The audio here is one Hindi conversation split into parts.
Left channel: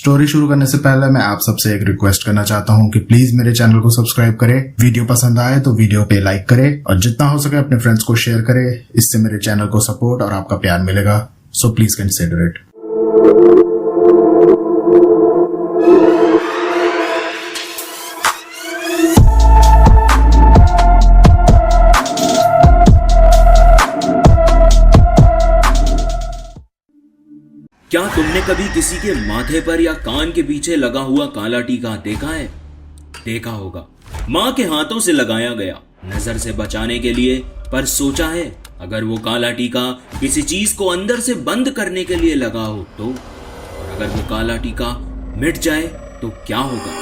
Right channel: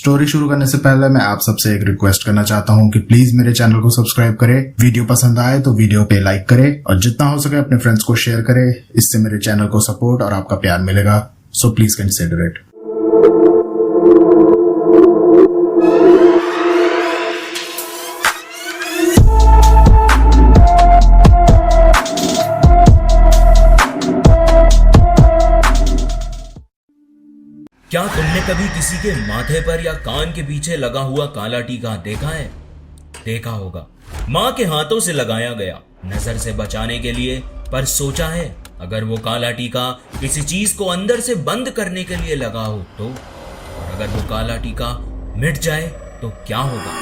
स्टोरी शुरू करने से पहले मैं आप सबसे एक रिक्वेस्ट करना चाहता हूँ कि प्लीज मेरे चैनल को सब्सक्राइब करें, वीडियो पसंद आए तो वीडियो पे लाइक करें और जितना हो सके अपने फ्रेंड्स को शेयर करें। इससे मेरे चैनल को सपोर्ट और आपका प्यार मिलेगा, सो प्लीज कंसिडर इट। क्या तुमने कभी किसी के माथे पर या कान के पीछे लगा हुआ काला टीका देखा है? देखा होगा, माँ के हाथों से लगाया गया नजर से बचाने के लिए। पर सोचा है अगर वो काला टीका किसी चीज को अंदर से बंद करने के लिए लगा हो तो? और अगर वो काला टीका मिट जाए तो क्या होगा?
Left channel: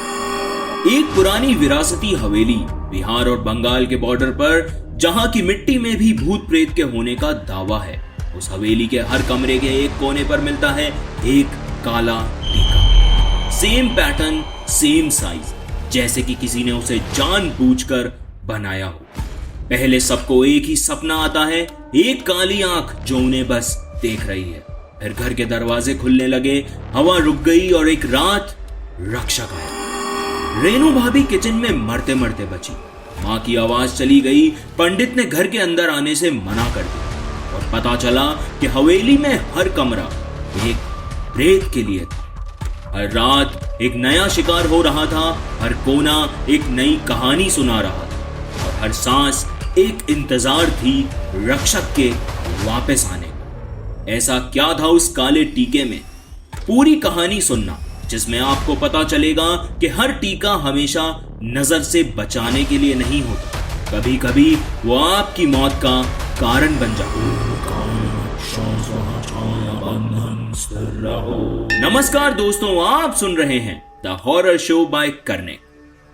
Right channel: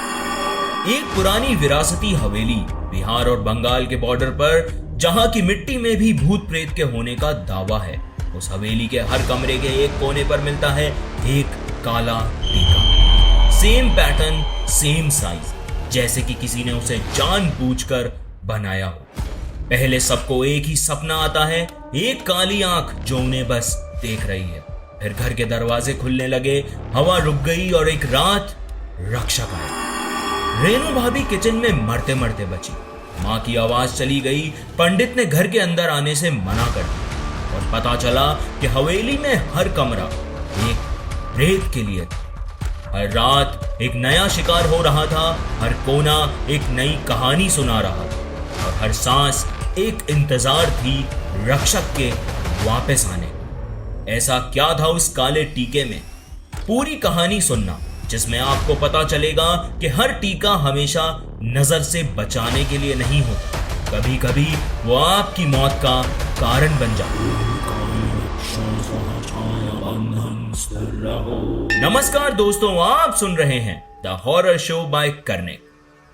एक पुरानी विरासती हवेली बिहार और बंगाल के बॉर्डर पर, जहां की मिट्टी में भी भूत प्रेत के होने का दावा है, उस हवेली के हर कमरे के एक कोने पर मिलता है एक काला टीका। सेम पैटर्न, सेम साइज, जैसे कि किसी ने उसे जानबूझकर बनाया हो। पहले सबको एक ही सपना आता है, एक काली आंख जो उन्हें बस देख रही है। फिर घर के दरवाजे खुलने लगे, हवा रुक गई और एक रात रक्षक आया। रेनू भाभी किचन में मरते मरते बची। माँ की आवाज चली गई, पंडित ने घर के अंदर आने से मना कर दिया और पता चला कि हवेली में हर कमरा एक प्रेत के लिए था। हर रात एक नया शिकार हो रहा था, हर कोना एक नई कहानी सुना रहा था और हर सांस एक इंतजार थी रक्षक के वापस आने। ऐसा क्या था उस काले टीके में? पूरी कहानी सुनना, जिसमें आपको पता चलेगा कि हर टीका हमेशा नजर से बचाने के लिए नहीं होता, कभी कभी वो आपकी मौत का कारण बन जाता। नमस्कार दोस्तों, आप सुन रहे हैं द हॉरर शो बाय करने।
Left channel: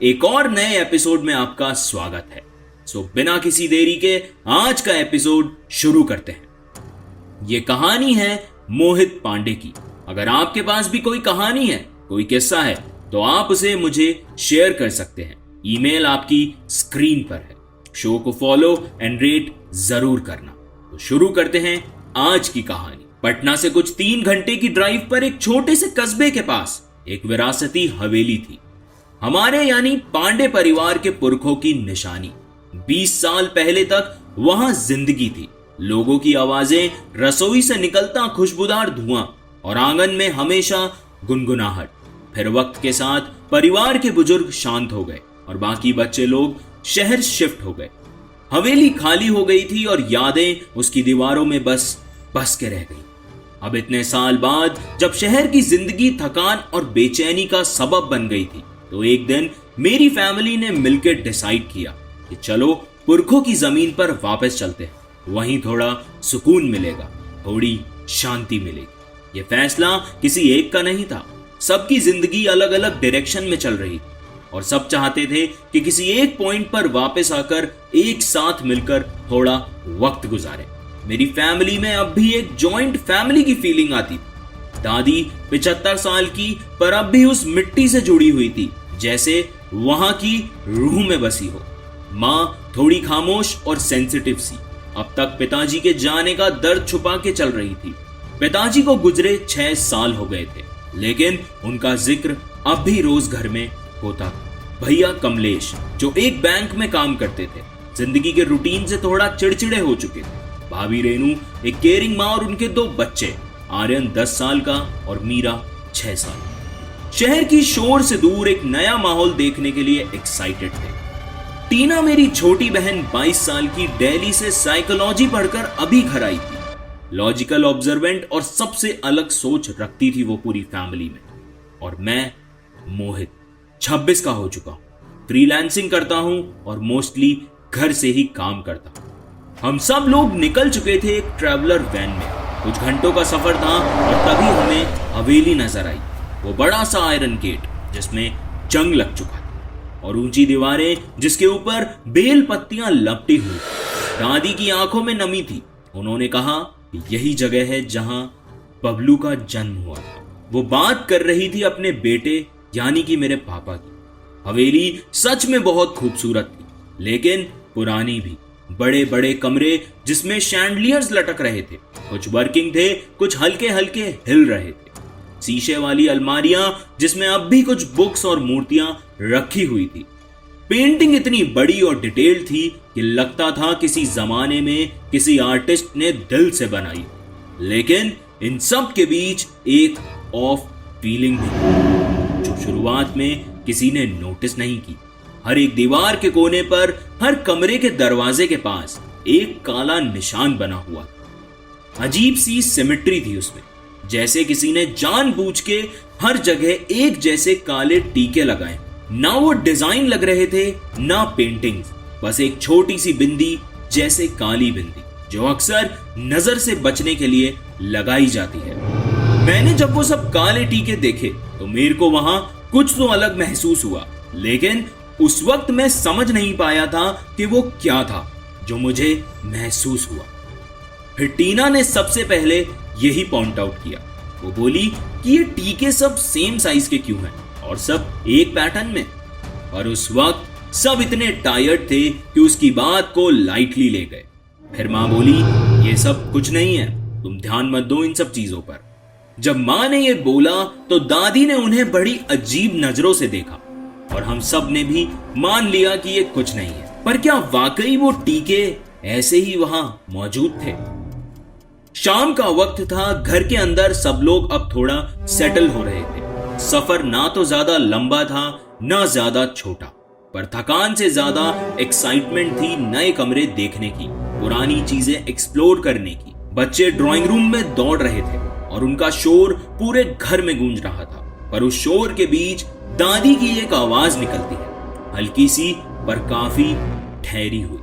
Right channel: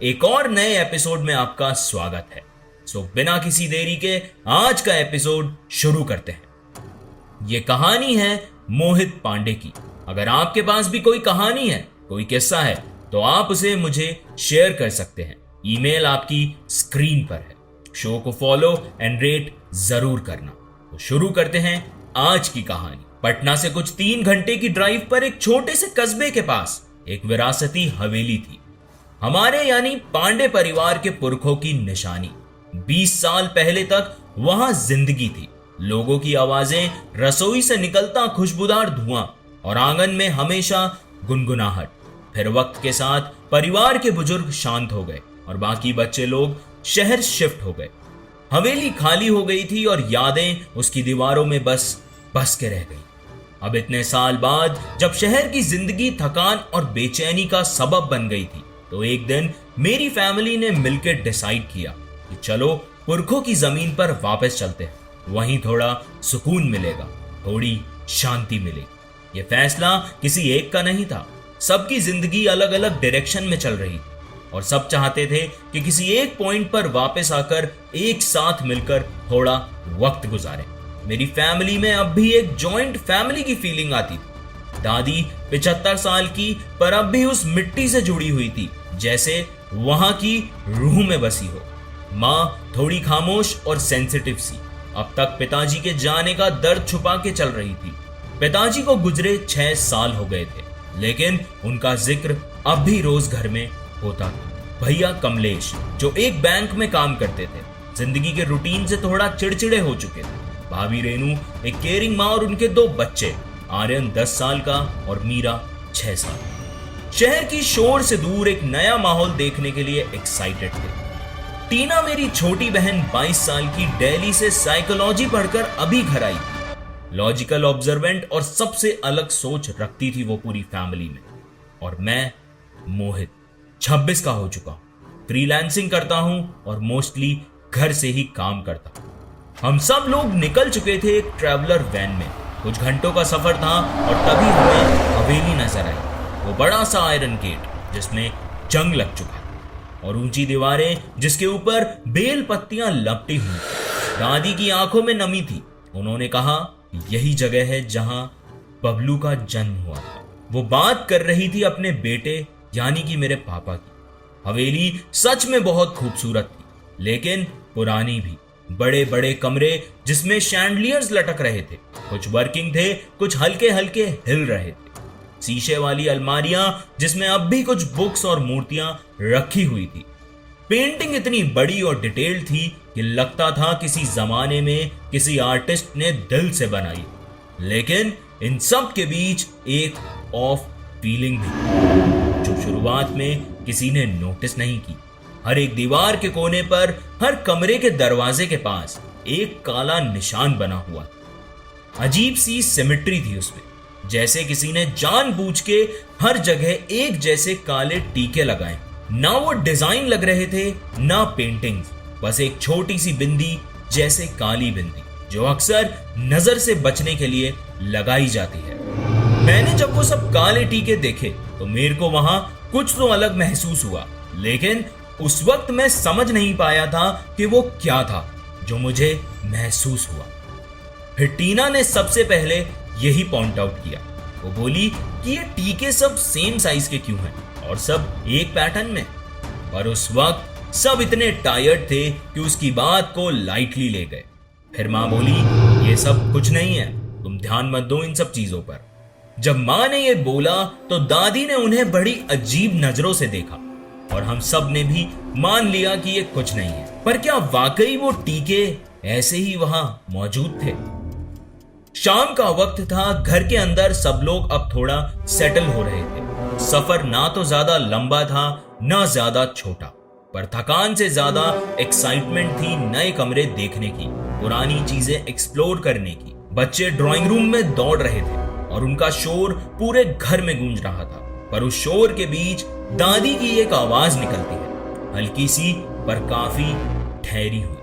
एक और नए एपिसोड में आपका स्वागत है। सो बिना किसी देरी के आज का एपिसोड शुरू करते हैं। ये कहानी है मोहित पांडे की। अगर आपके पास भी कोई कहानी है, कोई किस्सा है, तो आप उसे मुझे शेयर कर सकते हैं। ईमेल आपकी स्क्रीन पर है। शो को फॉलो एंड रेट जरूर करना। तो शुरू करते हैं आज की कहानी। पटना से कुछ 3 घंटे की ड्राइव पर एक छोटे से कस्बे के पास एक विरासती हवेली थी। हमारे यानी पांडे परिवार के पुरखों की निशानी। 20 साल पहले तक वहां जिंदगी थी। लोगों की आवाजें, रसोई से निकलता खुशबूदार धुआं और आंगन में हमेशा गुनगुनाहट। फिर वक्त के साथ परिवार के बुजुर्ग शांत हो गए और बाकी बच्चे लोग शहर शिफ्ट हो गए। हवेली खाली हो गई थी और यादें उसकी दीवारों में बस के रह गई। अब इतने साल बाद जब शहर की जिंदगी थकान और बेचैनी का सबब बन गई थी, तो एक दिन मेरी फैमिली ने मिलकर डिसाइड किया कि चलो पुरखों की जमीन पर वापस चलते हैं। वहीं थोड़ा सुकून मिलेगा, थोड़ी शांति मिलेगी। यह फैसला किसी एक का नहीं था। सबकी जिंदगी अलग अलग डायरेक्शन में चल रही थी और सब चाहते थे कि किसी एक पॉइंट पर वापस आकर एक साथ मिलकर थोड़ा वक्त गुजारें। मेरी फैमिली में अब भी एक जॉइंट फैमिली की फीलिंग आती थी। दादी 75 साल की, पर अब भी उस मिट्टी से जुड़ी हुई थी, जैसे वहां की रूह में बसी हो। माँ थोड़ी खामोश और सेंसिटिव सी, अब तक पिताजी के जाने का दर्द छुपा के चल रही थी। पिताजी को गुजरे 6 साल हो गए थे, लेकिन उनका जिक्र अब भी रोज घर में होता। भैया कमलेश, जो एक बैंक में काम करते थे, जिंदगी के रूटीन से थोड़ा चिड़चिड़े हो चुके थे। भाभी रेनू, एक केयरिंग माँ और उनके 2 बच्चे, आर्यन 10 साल का और मीरा 6 साल। शहर की शोर से दूर एक नया माहौल देखने के लिए एक्साइटेड थे। टीना, मेरी छोटी बहन 22 साल की, दिल्ली से साइकोलॉजी पढ़कर अभी घर आई थी। लॉजिकल, ऑब्जर्वेंट और सबसे अलग सोच रखती थी वो पूरी फैमिली में। और मैं मोहित 26 का हो चुका हूं, फ्रीलांसिंग करता हूं और मोस्टली घर से ही काम करता हूं। हम सब लोग निकल चुके थे एक ट्रैवलर वैन में। कुछ घंटों का सफर था और तभी हमें हवेली नजर आई। वो बड़ा सा आयरन गेट जिसमें जंग लग चुका था और ऊंची दीवारें जिसके ऊपर बेल पत्तियां लपटी हुई। दादी की आंखों में नमी थी। उन्होंने कहा कि यही जगह है जहां बबलू का जन्म हुआ था। वो बात कर रही थी अपने बेटे यानी कि मेरे पापा की। हवेली सच में बहुत खूबसूरत थी, लेकिन पुरानी भी। बड़े बड़े कमरे जिसमें शैंडलियर्स लटक रहे थे, कुछ वर्किंग थे, कुछ हल्के हल्के हिल रहे थे। शीशे वाली अलमारियां जिसमें अब भी कुछ बुक्स और मूर्तियां रखी हुई थी। पेंटिंग इतनी बड़ी और डिटेल्ड थी कि लगता था किसी जमाने में किसी आर्टिस्ट ने दिल से बनाई। लेकिन इन सब के बीच एक ऑफ फीलिंग भी जो शुरुआत में किसी ने नोटिस नहीं की। हर एक दीवार के कोने पर, हर कमरे के दरवाजे के पास एक काला निशान बना हुआ था। अजीब सी सिमेट्री थी उसमें, जैसे किसी ने जानबूझ के हर जगह एक जैसे काले टीके लगाए। ना वो डिजाइन लग रहे थे, ना पेंटिंग्स, बस एक छोटी सी बिंदी जैसे काली बिंदी जो अक्सर नजर से बचने के लिए लगाई जाती है। मैंने जब वो सब काले टीके देखे तो मेरे को वहां कुछ तो अलग महसूस हुआ, लेकिन उस वक्त मैं समझ नहीं पाया था कि वो क्या था जो मुझे महसूस हुआ। फिर टीना ने सबसे पहले यही पॉइंट आउट किया। वो बोली कि ये टीके सब सेम साइज के क्यों हैं और सब एक पैटर्न में। पर उस वक्त सब इतने टायर्ड थे कि उसकी बात को लाइटली ले गए। फिर मां बोली, ये सब कुछ नहीं है, तुम ध्यान मत दो इन सब चीजों पर। जब मां ने ये बोला तो दादी ने उन्हें बड़ी अजीब नजरों से देखा और हम सब ने भी मान लिया कि ये कुछ नहीं है। पर क्या वाकई वो टीके ऐसे ही वहां मौजूद थे? शाम का वक्त था। घर के अंदर सब लोग अब थोड़ा सेटल हो रहे थे। सफर ना तो ज्यादा लंबा था ना ज्यादा छोटा, पर थकान से ज्यादा एक्साइटमेंट थी नए कमरे देखने की, पुरानी चीजें एक्सप्लोर करने की। बच्चे ड्राइंग रूम में दौड़ रहे थे और उनका शोर पूरे घर में गूंज रहा था। पर उस शोर के बीच दादी की एक आवाज निकलती है, हल्की सी पर काफी ठहरी हुई।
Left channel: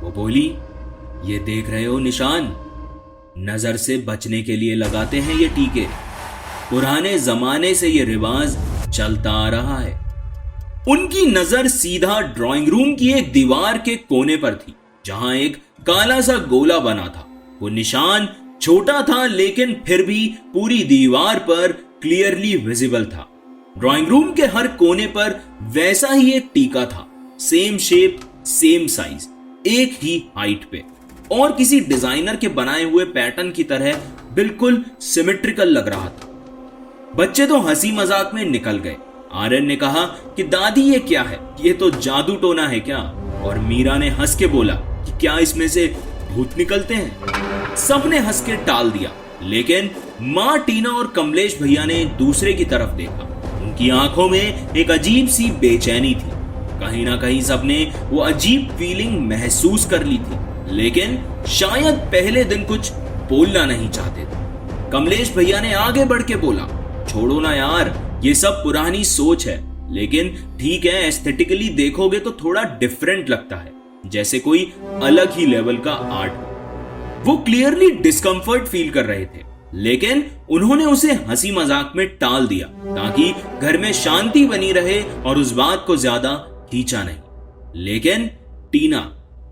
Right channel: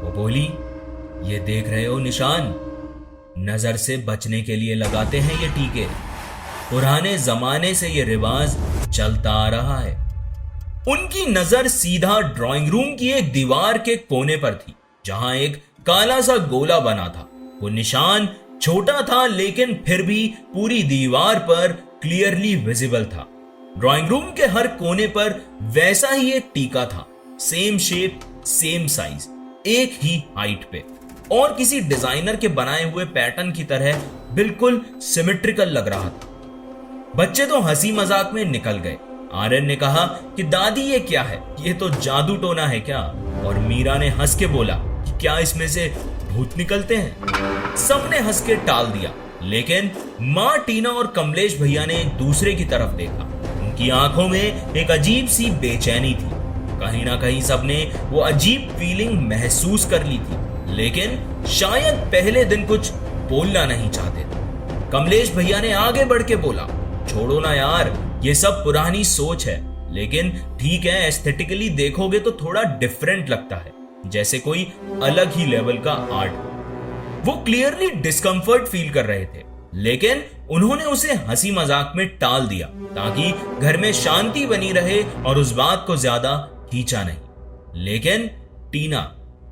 वो बोली, ये देख रहे हो निशान, नजर से बचने के लिए लगाते हैं ये टीके। पुराने जमाने से ये रिवाज चलता आ रहा है। उनकी नजर सीधा ड्राइंग रूम की एक दीवार के कोने पर थी, जहां एक काला सा गोला बना था। वो निशान छोटा था लेकिन फिर भी पूरी दीवार पर क्लियरली विजिबल था। ड्राइंग रूम के हर कोने पर वैसा ही एक टीका था, सेम शेप, सेम साइज, एक ही हाइट पे, और किसी डिजाइनर के बनाए हुए पैटर्न की तरह बिल्कुल सिमेट्रिकल लग रहा था। बच्चे तो हंसी मजाक में निकल गए। आर्यन ने कहा कि दादी ये क्या है, ये तो जादू टोना है क्या? और मीरा ने हंस के बोला कि क्या इसमें से भूत निकलते हैं? सबने हंस के टाल दिया, लेकिन मां, टीना और कमलेश भैया ने एक दूसरे की तरफ देखा। उनकी आंखों में एक अजीब सी बेचैनी थी। कहीं ना कहीं सबने वो अजीब फीलिंग महसूस कर ली थी, लेकिन शायद पहले दिन कुछ बोलना नहीं चाहते थे। कमलेश भैया ने आगे बढ़ के बोला, छोड़ो ना यार, ये सब पुरानी सोच है, लेकिन ठीक है, एस्थेटिकली देखोगे तो थोड़ा डिफरेंट लगता है, जैसे कोई अलग ही लेवल का आर्ट। वो क्लियरली डिस्कंफर्ट फील कर रहे थे, लेकिन उन्होंने उसे हंसी मजाक में टाल दिया ताकि घर में शांति बनी रहे और उस बात को ज्यादा खींचा नहीं। लेकिन टीना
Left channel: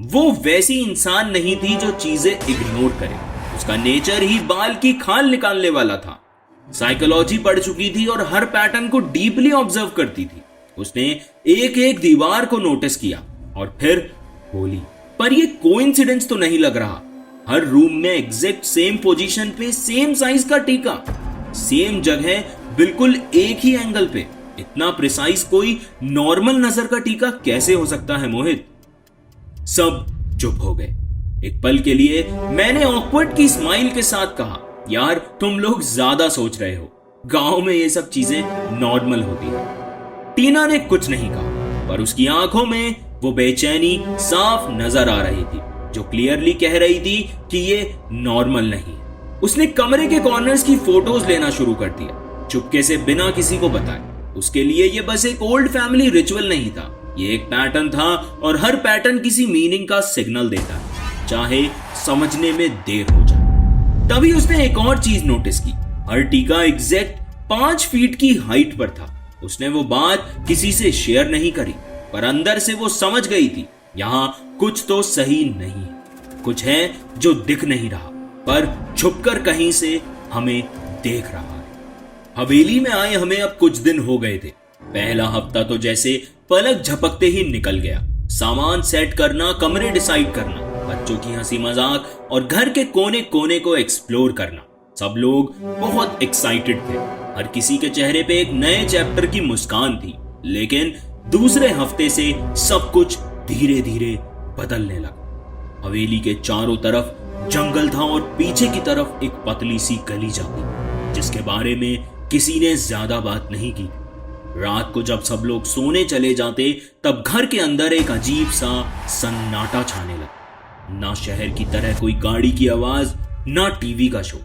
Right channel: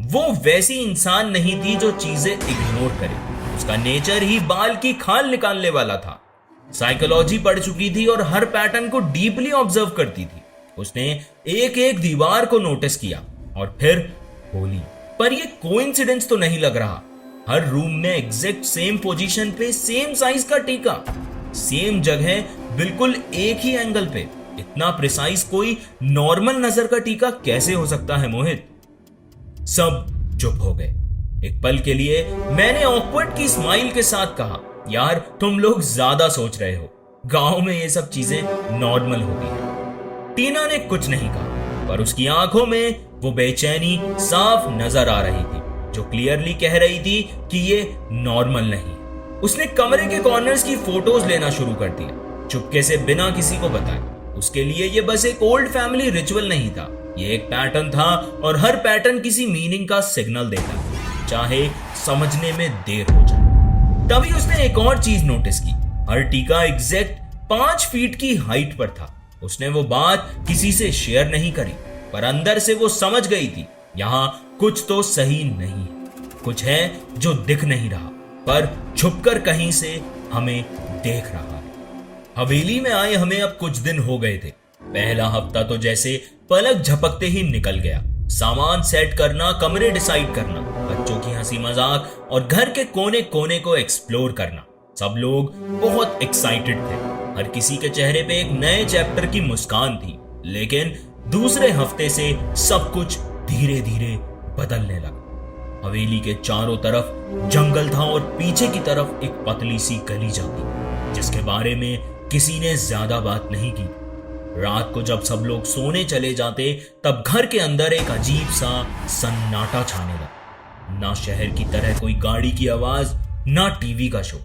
वो वैसी इंसान नहीं थी जो चीजें इग्नोर करे। उसका नेचर ही बाल की खाल निकालने वाला था। साइकोलॉजी पढ़ चुकी थी और हर पैटर्न को डीपली ऑब्जर्व करती थी। उसने एक एक दीवार को नोटिस किया और फिर बोली, पर ये कोइंसिडेंस तो नहीं लग रहा। हर रूम में एग्जैक्ट सेम पोजीशन पे सेम साइज का टीका, सेम जगह, बिल्कुल एक ही एंगल पे। इतना प्रिसाइज कोई नॉर्मल नजर का टीका कैसे हो सकता है मोहित? सब चुप हो गए। एक पल के लिए मैंने ऑकवर्ड की स्माइल के साथ कहा, यार तुम लोग ज्यादा सोच रहे हो, गांव में ये सब चीजें नॉर्मल होती है। टीना ने कुछ नहीं कहा, पर उसकी आंखों में वो बेचैनी साफ नजर आ रही थी, जो क्लियरली कह रही थी कि ये नॉर्मल नहीं है। उसने कमरे के कॉर्नर्स की फोटोज लेना शुरू कर दिया, चुपके से, बिना किसी को बताए। उसके लिए ये बस एक ओल्ड फैमिली रिचुअल नहीं था, ये एक पैटर्न था, और हर पैटर्न किसी मीनिंग का सिग्नल देता है, चाहे समझने में देर हो जाए। तभी उसने एक और चीज नोटिस की। हर टीका एग्जैक्ट 5 फीट की हाइट पर था। उसने वो बात किसी से शेयर नहीं करी, पर अंदर से वो समझ गई थी, यहां कुछ तो सही नहीं है। कुछ है जो दिख नहीं रहा, पर छुपकर कहीं से हमें देख रहा है। हवेली में आए हमें अब कुछ दिन हो गए थे। पहला हफ्ता तो जैसे पलक झपकते ही निकल गया। सामान सेट करना, कमरे डिसाइड करना, बच्चों की हंसी मजाक और घर के कोने कोने को एक्सप्लोर करना। सब लोग बहुत एक्साइटेड थे। हर किसी के चेहरे पे एक नए चैप्टर की मुस्कान थी। लेकिन दूसरे हफ्ते से सब कुछ धीरे धीरे बदलने लगा। हवेली के चारों तरफ जंगल था और पीछे की तरफ एक पतली सी गली जाती, जिसके बारे में किसी ने ज्यादा बात नहीं की। रात को जब सब लोग सोने चले जाते तब घर के अंदर एक अजीब सा सन्नाटा छाने लगा। ना शहर की तरह कोई गाड़ी की आवाज, ना टीवी का शो,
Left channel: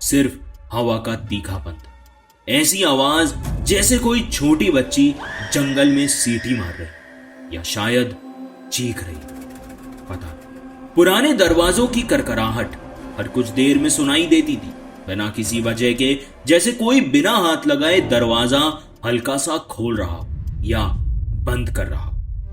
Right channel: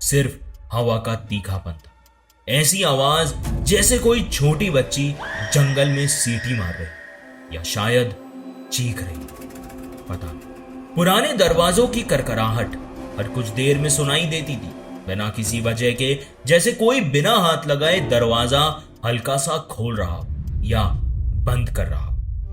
सिर्फ हवा का तीखापन था। ऐसी आवाज जैसे कोई छोटी बच्ची जंगल में सीटी मार रही या शायद चीख रही, पता नहीं। पुराने दरवाजों की करकराहट हर कुछ देर में सुनाई देती थी, बिना किसी वजह के, जैसे कोई बिना हाथ लगाए दरवाजा हल्का सा खोल रहा या बंद कर रहा।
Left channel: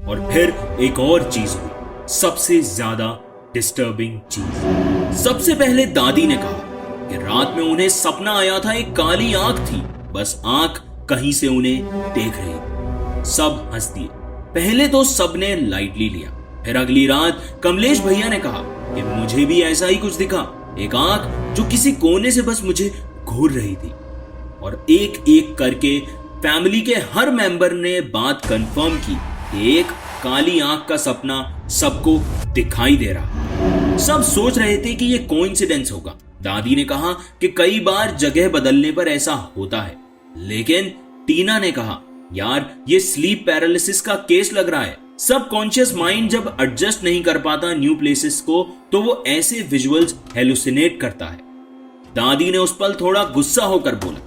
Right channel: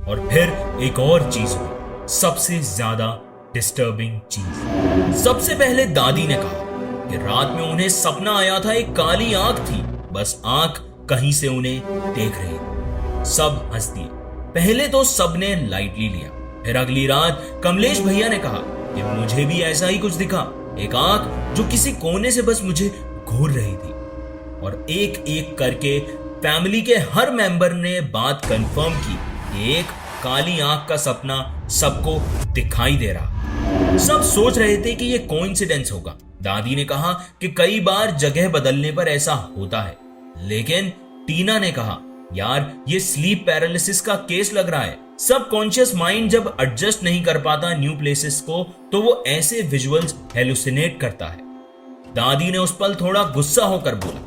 और फिर एक और चीज हुई, सबसे ज्यादा डिस्टर्बिंग चीज। सबसे पहले दादी ने कहा कि रात में उन्हें सपना आया था, एक काली आंख थी, बस आंख कहीं से उन्हें देख रही। सब हंस दिए। पहले तो सबने लाइटली लिया। फिर अगली रात कमलेश भैया ने कहा कि मुझे भी ऐसा ही कुछ दिखा, एक आंख जो किसी कोने से बस मुझे घूर रही थी। और एक एक करके फैमिली के हर मेंबर ने बात कंफर्म की कि एक काली आंख का सपना सबको दिखाई दे रहा। सब सोच रहे थे कि यह कोइंसिडेंस होगा। दादी ने कहा कि कई बार जगह बदलने पर ऐसा होता है, लेकिन टीना ने कहा यार ये स्लीप पैरालिसिस का केस लग रहा है। सबकॉन्शियस माइंड जब एडजस्ट नहीं कर पाता न्यू प्लेसेस को, तो वो ऐसे विजुअल्स हेलुसिनेट करता है। दादी ने उस पल थोड़ा गुस्सा होकर बोला,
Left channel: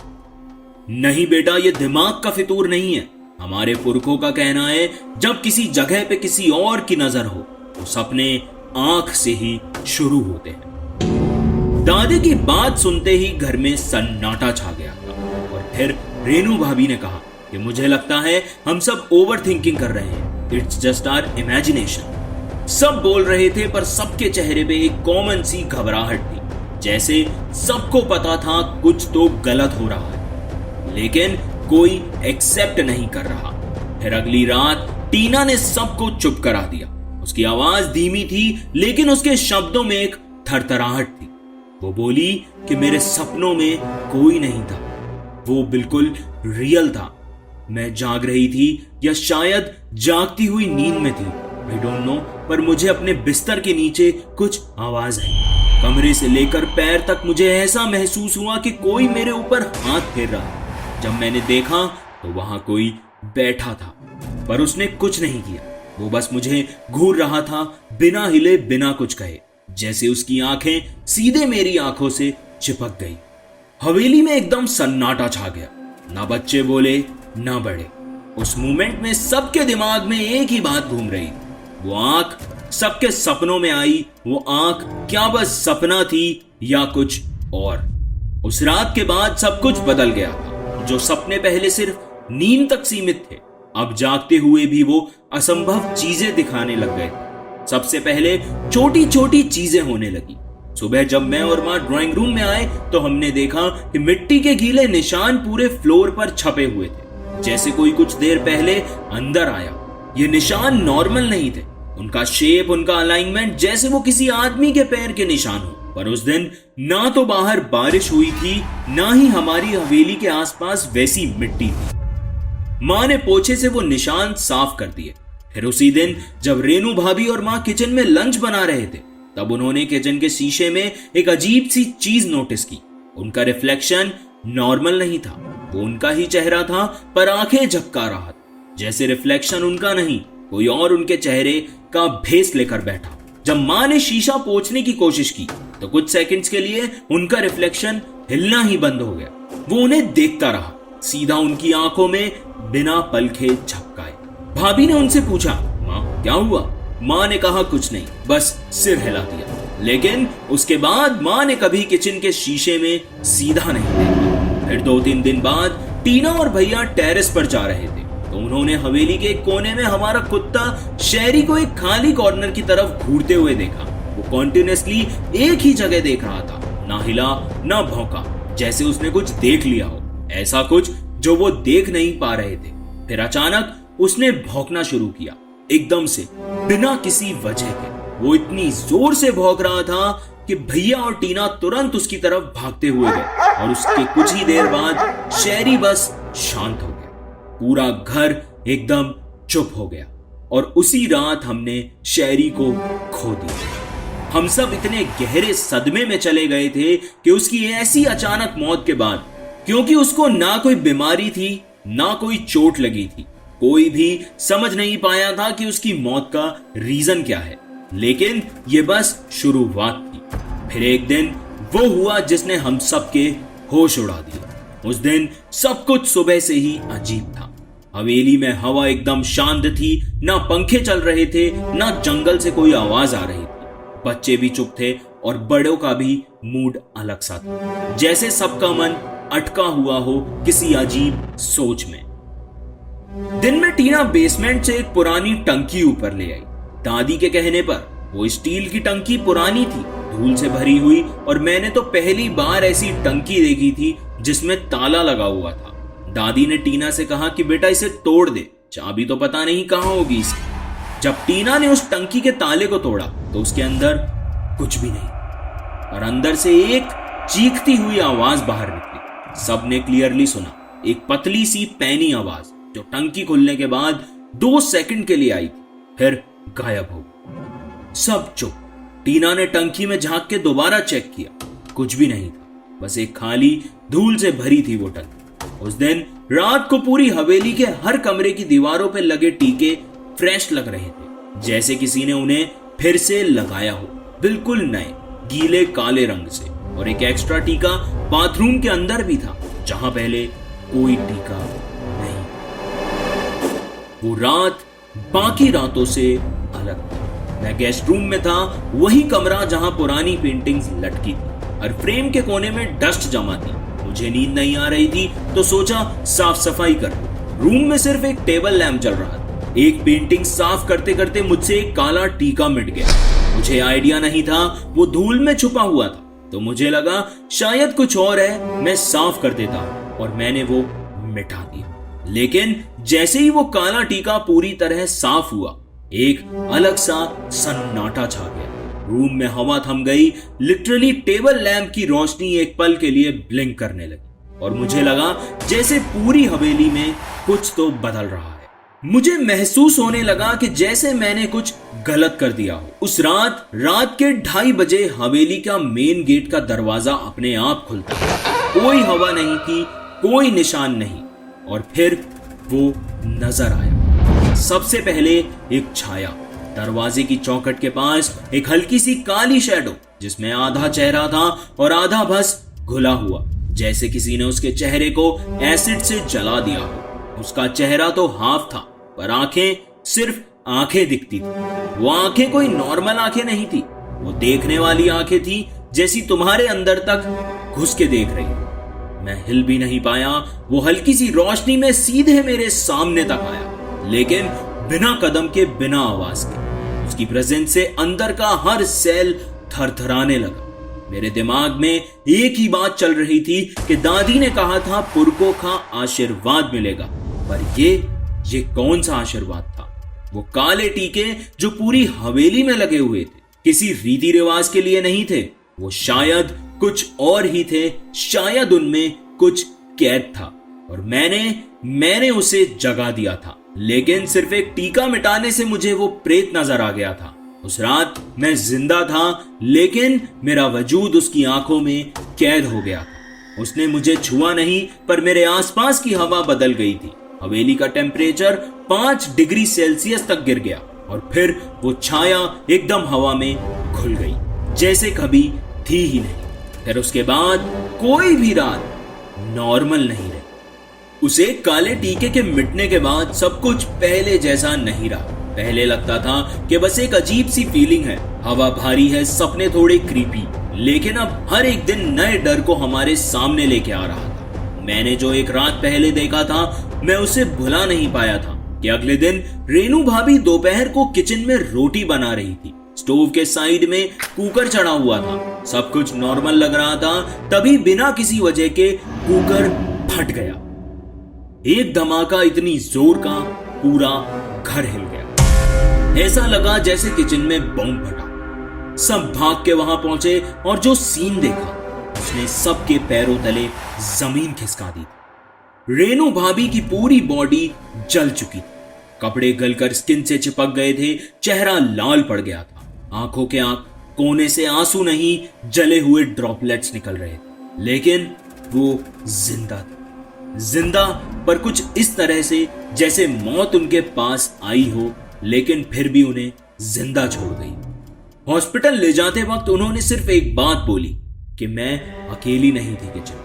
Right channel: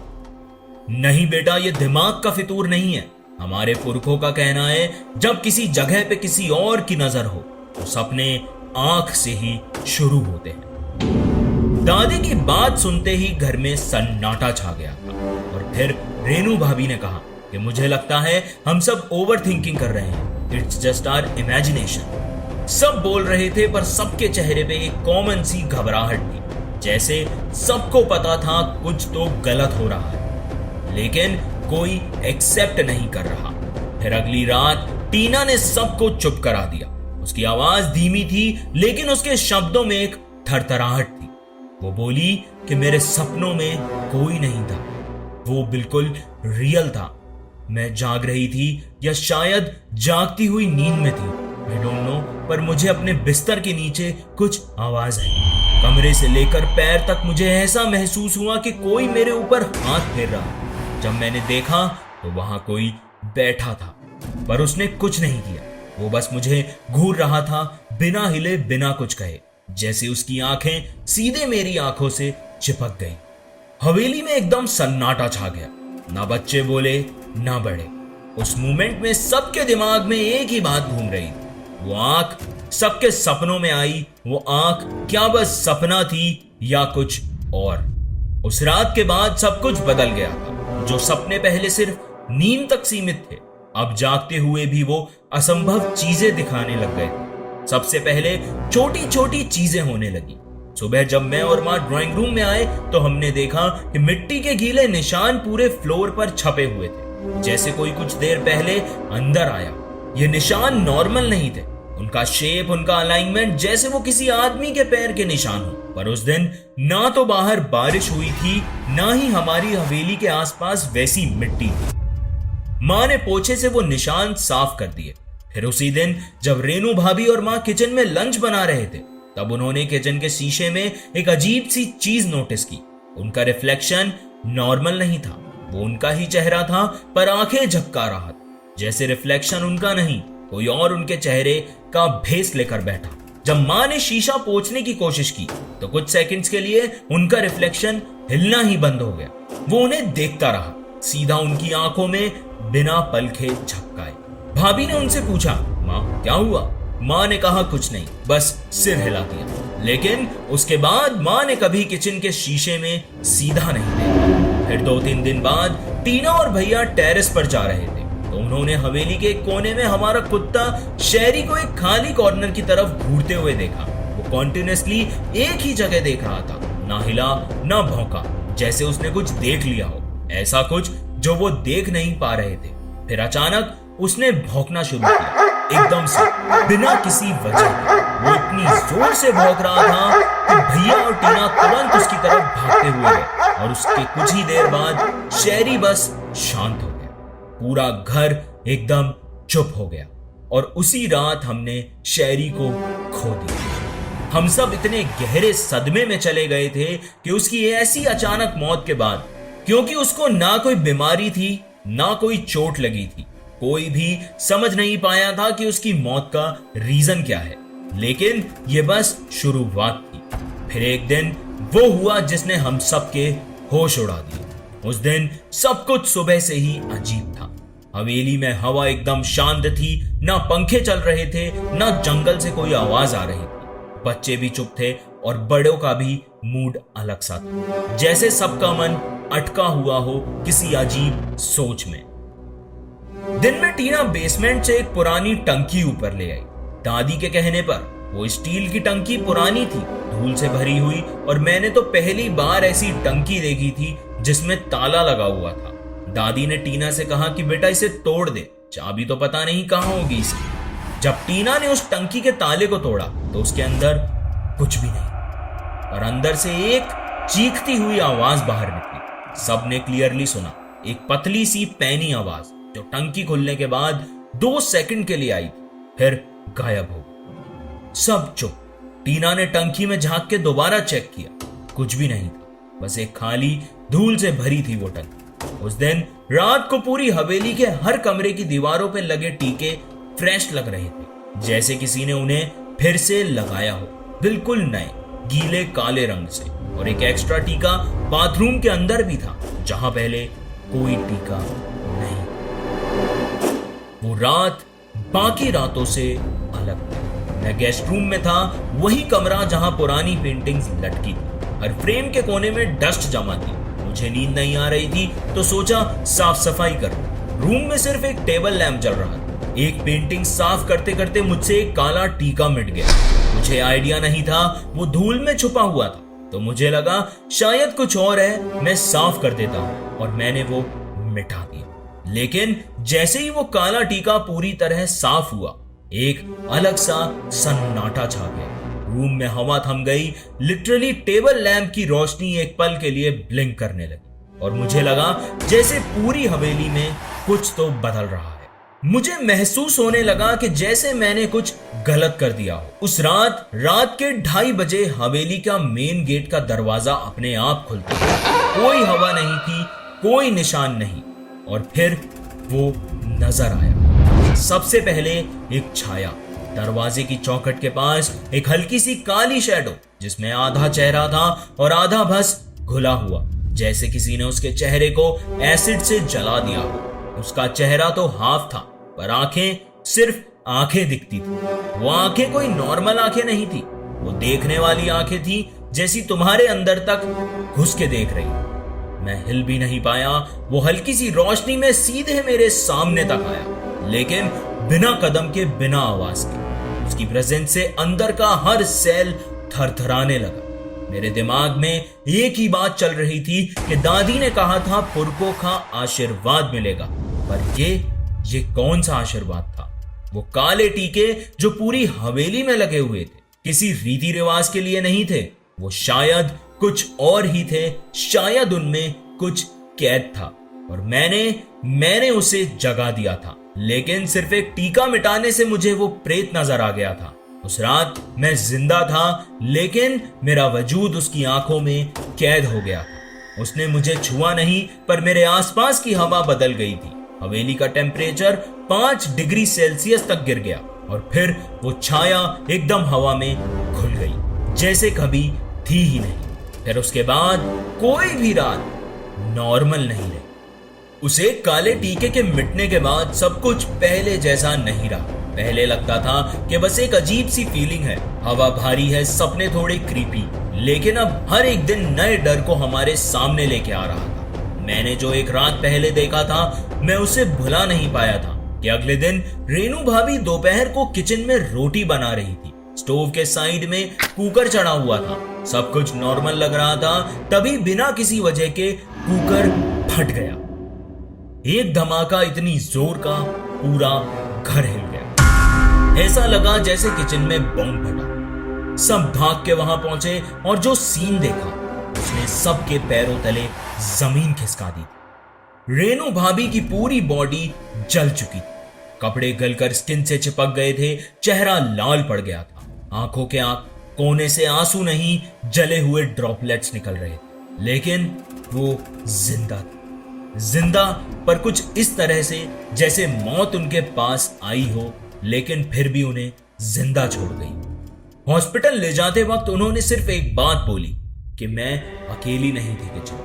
नहीं बेटा, ये दिमाग का फितूर नहीं है। हमारे पुरखों का कहना है जब किसी जगह पे किसी और की नजर हो तो सपने आंख से ही शुरू होते हैं। दादी की बात सुनते ही घर में सन्नाटा छा गया था। और फिर रेनू भाभी ने कहा कि मुझे लगता है हम सब ओवर थिंकिंग कर रहे हैं, इट्स जस्ट आवर इमेजिनेशन। सब बोल रहे थे पर सबके चेहरे पे एक कॉमन सी घबराहट थी, जैसे सबको पता था कुछ तो गलत हो रहा है, लेकिन कोई एक्सेप्ट नहीं कर रहा। फिर अगली रात टीना ने सबको चुप करा दिया। उसकी आवाज धीमी थी, लेकिन उसके शब्दों में एक थरथराहट थी। वो बोली कि मेरे सपनों में कोई नहीं था, वो बिल्कुल रियल था। मैं जाग रही थी या शायद जागती हुई नींद में थी, आई डोंट नो, पर मुझे अपने बिस्तर के नीचे कुछ आवाज आई। कमरे से लेकर पैर तक मुझे ऐसा महसूस हुआ कि कोई मेरे ऊपर हाथ फेर रहा। जब मैंने देखा तो वहां कोई बैठा था, पर उसने कुछ नहीं किया। वो बस मुझे घूर रहा था, बिना हिले, बिना कुछ कहे, जैसे उसकी आंखें सीधे मेरी आंखों से चिपक गई। हवेली में एकदम सन्नाटा छा गया। ना बच्चे बोले, ना बड़े। उस मोमेंट में सबके दिमाग में एक ही बात घूम रही थी, वो आंख सबके सपनों में आई। वो आंख क्या बस सपना थी या कुछ और? उस रात के बाद सब कुछ बदल गया था। जो सपने पहले सिर्फ नींद तक सीमित थे, अब जागते हुए भी वो असंभव चीजें दिखाने लग गए थे। सबसे पहले छोटी छोटी चीजें होने लगी। सुबह जब मैं और माँ ड्राइंग रूम में आए तो हमने देखा कि मिट्टी के गीले निशान पूरे फ्लोर पर छपे हुए थे, जैसे कोई कुछ देर पहले अंदर आया। ये निशान नॉर्मल नहीं थे, उनका शेप, उनका अलाइनमेंट जैसे वो किसी आदमी के पैर के निशान हो। पर उस दिन ना तो बाहर बारिश हुई थी, ना ही हमारी हवेली के आसपास वैसी मिट्टी थी। माँ ने पोछे से वो निशान साफ कर दिए। फिर उसी दिन जब रेनू भाभी और माँ किचन में लंच बना रहे थे, तब उन्होंने किचन के शीशे में एक अजीब सी चीज नोटिस की। उनका रिफ्लेक्शन नॉर्मल नहीं था, वो उनका ही चेहरा था, पर आंखें झपका रहा था, जैसे रिफ्लेक्शन उनका नहीं, कोई और उनके चेहरे का भेस लेकर बैठा। जब माँ ने शीशा पोंछने की कोशिश की तो कुछ सेकंड्स के लिए उनका रिफ्लेक्शन हिलना ही बंद हो गया। वो उन्हें देखता रहा, सीधा उनकी आंखों में, बिना पलके झपकाए। भाभी ने उनसे पूछा, माँ क्या हुआ? माँ ने कहा कुछ नहीं, बस सिर हिला दिया। लेकिन उसके बाद माँ ने कभी किचन के शीशे में सीधा नहीं देखा। फिर 2-3 दिन बाद टीना और भैया टेरेस पर जा रहे थे तो उन्होंने हवेली के कोने में हमारा कुत्ता शेरी को एक खाली कॉर्नर की तरफ घूरते हुए देखा। वो कॉन्टिन्यूअसली एक ही जगह देख रहा था, ना हिला ना भौंका, जैसे उसने कुछ देख लिया हो, ऐसा कुछ जो वो देख नहीं पा रहे थे। फिर अचानक उसने भौंकना शुरू किया, एकदम से बिना किसी वजह के वो इतनी जोर से भौंक रहा था कि भैया और टीना तुरंत उसकी तरफ भागते हुए गए और उसके कुछ ही देर बाद शहरी बस शांत हो गया। पूरा घर एकदम चुप हो गया और उसी रात हमने शहरी को खो दिया। हम सब इतने गहरे सदमे में चले गए थे कि उसकी ऐसी अचानक मौत के बाद, क्योंकि उसको ना कोई बीमारी थी ना कोई चोट लगी थी, कोई भी समझ नहीं पाया था कि उसकी मौत का रीजन क्या है। लेकिन ये बस शुरुआत थी। फिर एक दिन वो हुआ जिसने हम सबके होश उड़ा दिए। उस दिन सब कुछ सुबह से ही अजीब था। हवेली में हवा एकदम शांत थी, ना पंखे चल रहे थे, ना जंगल से कोई आवाज आ रही थी। बच्चे भी चुप थे और बड़ों का भी मूड अलग सा था, जैसे सबका मन अटका हुआ हो किसी अजीब सोच में। दिन में टीना बेसमेंट से एक पुरानी टंकी ऊपर ले आई। दादी के कहने पर वो स्टील की टंकी पुरानी थी, धूल से भरी हुई, और मैंने तो पहली बार ऐसी टंकी देखी थी जिसमें ताला लगा हुआ था। दादी ने टीना से कहा कि बेटा इसे तोड़ दे, चाबी तो पता नहीं कहां होगी इसकी। जब टीना ने उस टंकी के ताले को तोड़ा तो उसके अंदर कुछ भी नहीं, और अंदर से एक चीखती हुई आवाज बाहर निकली। सबने क्लियरली सुना, एक पतली सी पैनी आवाज जो टंकी खुलने के बाद 2 सेकंड के लिए आई थी, फिर गायब हो गई। सब चुप। टीना ने टंकी में झांक के दोबारा चेक किया, कुछ भी नहीं था, बस एक खाली धूल से भरी थी वो टंकी। उस दिन रात को पूरी हवेली के हर कमरे की दीवारों पे लगे टीके फ्रेश लग रहे थे, जैसे किसी ने उन्हें फिर से लगाया हो, बिल्कुल नए गीले काले रंग से। और एक एक्स्ट्रा टीका बाथरूम के अंदर भी था, जहां पहले कोई टीका नहीं। वो रात बाकी रातों से अलग थी। मैं गेस्ट रूम में था, वही कमरा जहां पुरानी पेंटिंग्स लटकी थी। हर फ्रेम के कोने में डस्ट जमा थी। मुझे नींद नहीं आ रही थी तो सोचा साफ सफाई कर। रूम में सिर्फ एक टेबल लैंप जल रहा था। एक पेंटिंग साफ करते करते मुझसे एक काला टीका मिट गया। मुझे आइडिया नहीं था वो धूल में छुपा हुआ था, तो मुझे लगा शायद कुछ और है, मैं साफ कर देता हूं, और मैंने वो मिटा दिया। लेकिन जैसे ही वो काला टीका पूरी तरह साफ हुआ, एक अलग सा सन्नाटा छा गया। रूम में हवा थम गई। लिटरली टेबल लैंप की रोशनी एक पल के लिए ब्लिंक करने लगी और मुझे लगा जैसे पूरी हवेली में कुछ तो बदल रहा है। मुझे महसूस होने लगा कि जैसे मैंने कुछ गलत कर दिया हो। उस रात के 2:30 बजे हवेली का मेन गेट का दरवाजा अपने आप खुलता। कोई हवा नहीं थी, कोई निशान नहीं, और फिर वो नजर आया। सबसे पहले एक छाया, दरवाजे की चौखट के पास एक हल्की सी काली शैडो, जिसमें आधा चेहरा था और आधा बस घुला हुआ, जैसे किसी ने उसके चेहरे को एसिड से जला दिया हो। उसका चेहरा तो हाफ था, पर आंखें सिर्फ आंखें दिखती थी। वो आंखें कोई नॉर्मल आंखें नहीं थी, वो देखने वाली आंखें थी, जैसी तुम्हारे अंदर तक घुस के देख रही। मैं हिल भी नहीं पाया। वो हल्की सी रोशनी में सीधे मेरे सामने तक आया, लेकिन बिना कदम के, बिना आवाज के। उसकी प्रेजेंस से अंदर का हर सेल थरथराने लगा। मेरे दिमाग में एक ही बात चल रही थी कि दादी ने कहा था पुरखों का आशीर्वाद मिलेगा, पर ये कौन सा आशीर्वाद था? वो काले टीके जो पूरी हवेली में लगे हुए थे, किसी रीति रिवाज के लिए नहीं थे। वो शायद कुछ और ही थे, शायद उनमें कुछ कैद था, और मैंने उसे जगा दिया था। लेकिन सिर्फ एक टीका मिटाने से मुझे वो प्रेत नजर आ गया था। उस रात मैं जिंदा था, लेकिन मेरा वजूद उसकी आंखों में कैद हो गया था। उसने मुझे छुआ नहीं, पर मेरे आसपास की हवा बदल गई थी। हवेली का टेम्परेचर 5 डिग्री सेल्सियस तक गिर गया, और फिर वो छाया एकदम हवा में घुल गई, जैसे कभी थी ही नहीं। फिर उसके बाद कोई भी रात नॉर्मल नहीं रही। उसे काले टीके के मिटने के बाद सब कुछ पहले जैसा नहीं रहा। पहले लगता था कि बस एक अजीब सी फीलिंग है, हवा भारी है, सपने थोड़े क्रीपी, लेकिन अब हर एक दिन नए डर को हमारे सामने लेके आ रहा था। मैंने जो एक रात पहले देखा था, मैं उसे भुला नहीं पाया था कि अगले दिन रेनू भाभी दोपहर को किचन में रोटी बना रही थी। स्टोव के साइड में कुकर चढ़ा हुआ था। सब कुछ नॉर्मल लग रहा था, तभी बिना किसी वजह के कुकर फट गया। एक धमाका इतनी जोर का, पूरा घर हिल गया। ऐसा लगा जैसे किचन में बॉम्ब फटा। सब भाग के वहां पहुंचे और जो सीन देखा उसने सबके पैरों तले जमीन खिसका दी थी। रेनू भाभी की पूरी बॉडी जल चुकी थी, कपड़े गलकर स्किन से चिपक गए थे, चेहरा लाल पड़ गया था, आंखों के कोने से आंसू नहीं जले हुए ड्रॉपलेट्स निकल रहे थे, लेकिन वो जिंदा थी। जिंदा पर कुछ इस तरह से जैसे मौत उनके पास आई हो लेकिन फिर भी उन्हें जिंदा छोड़ गई। हॉस्पिटल ले जाते वक्त उन्होंने सिर्फ एक बात बोली कि मैं अकेली नहीं थी किचन।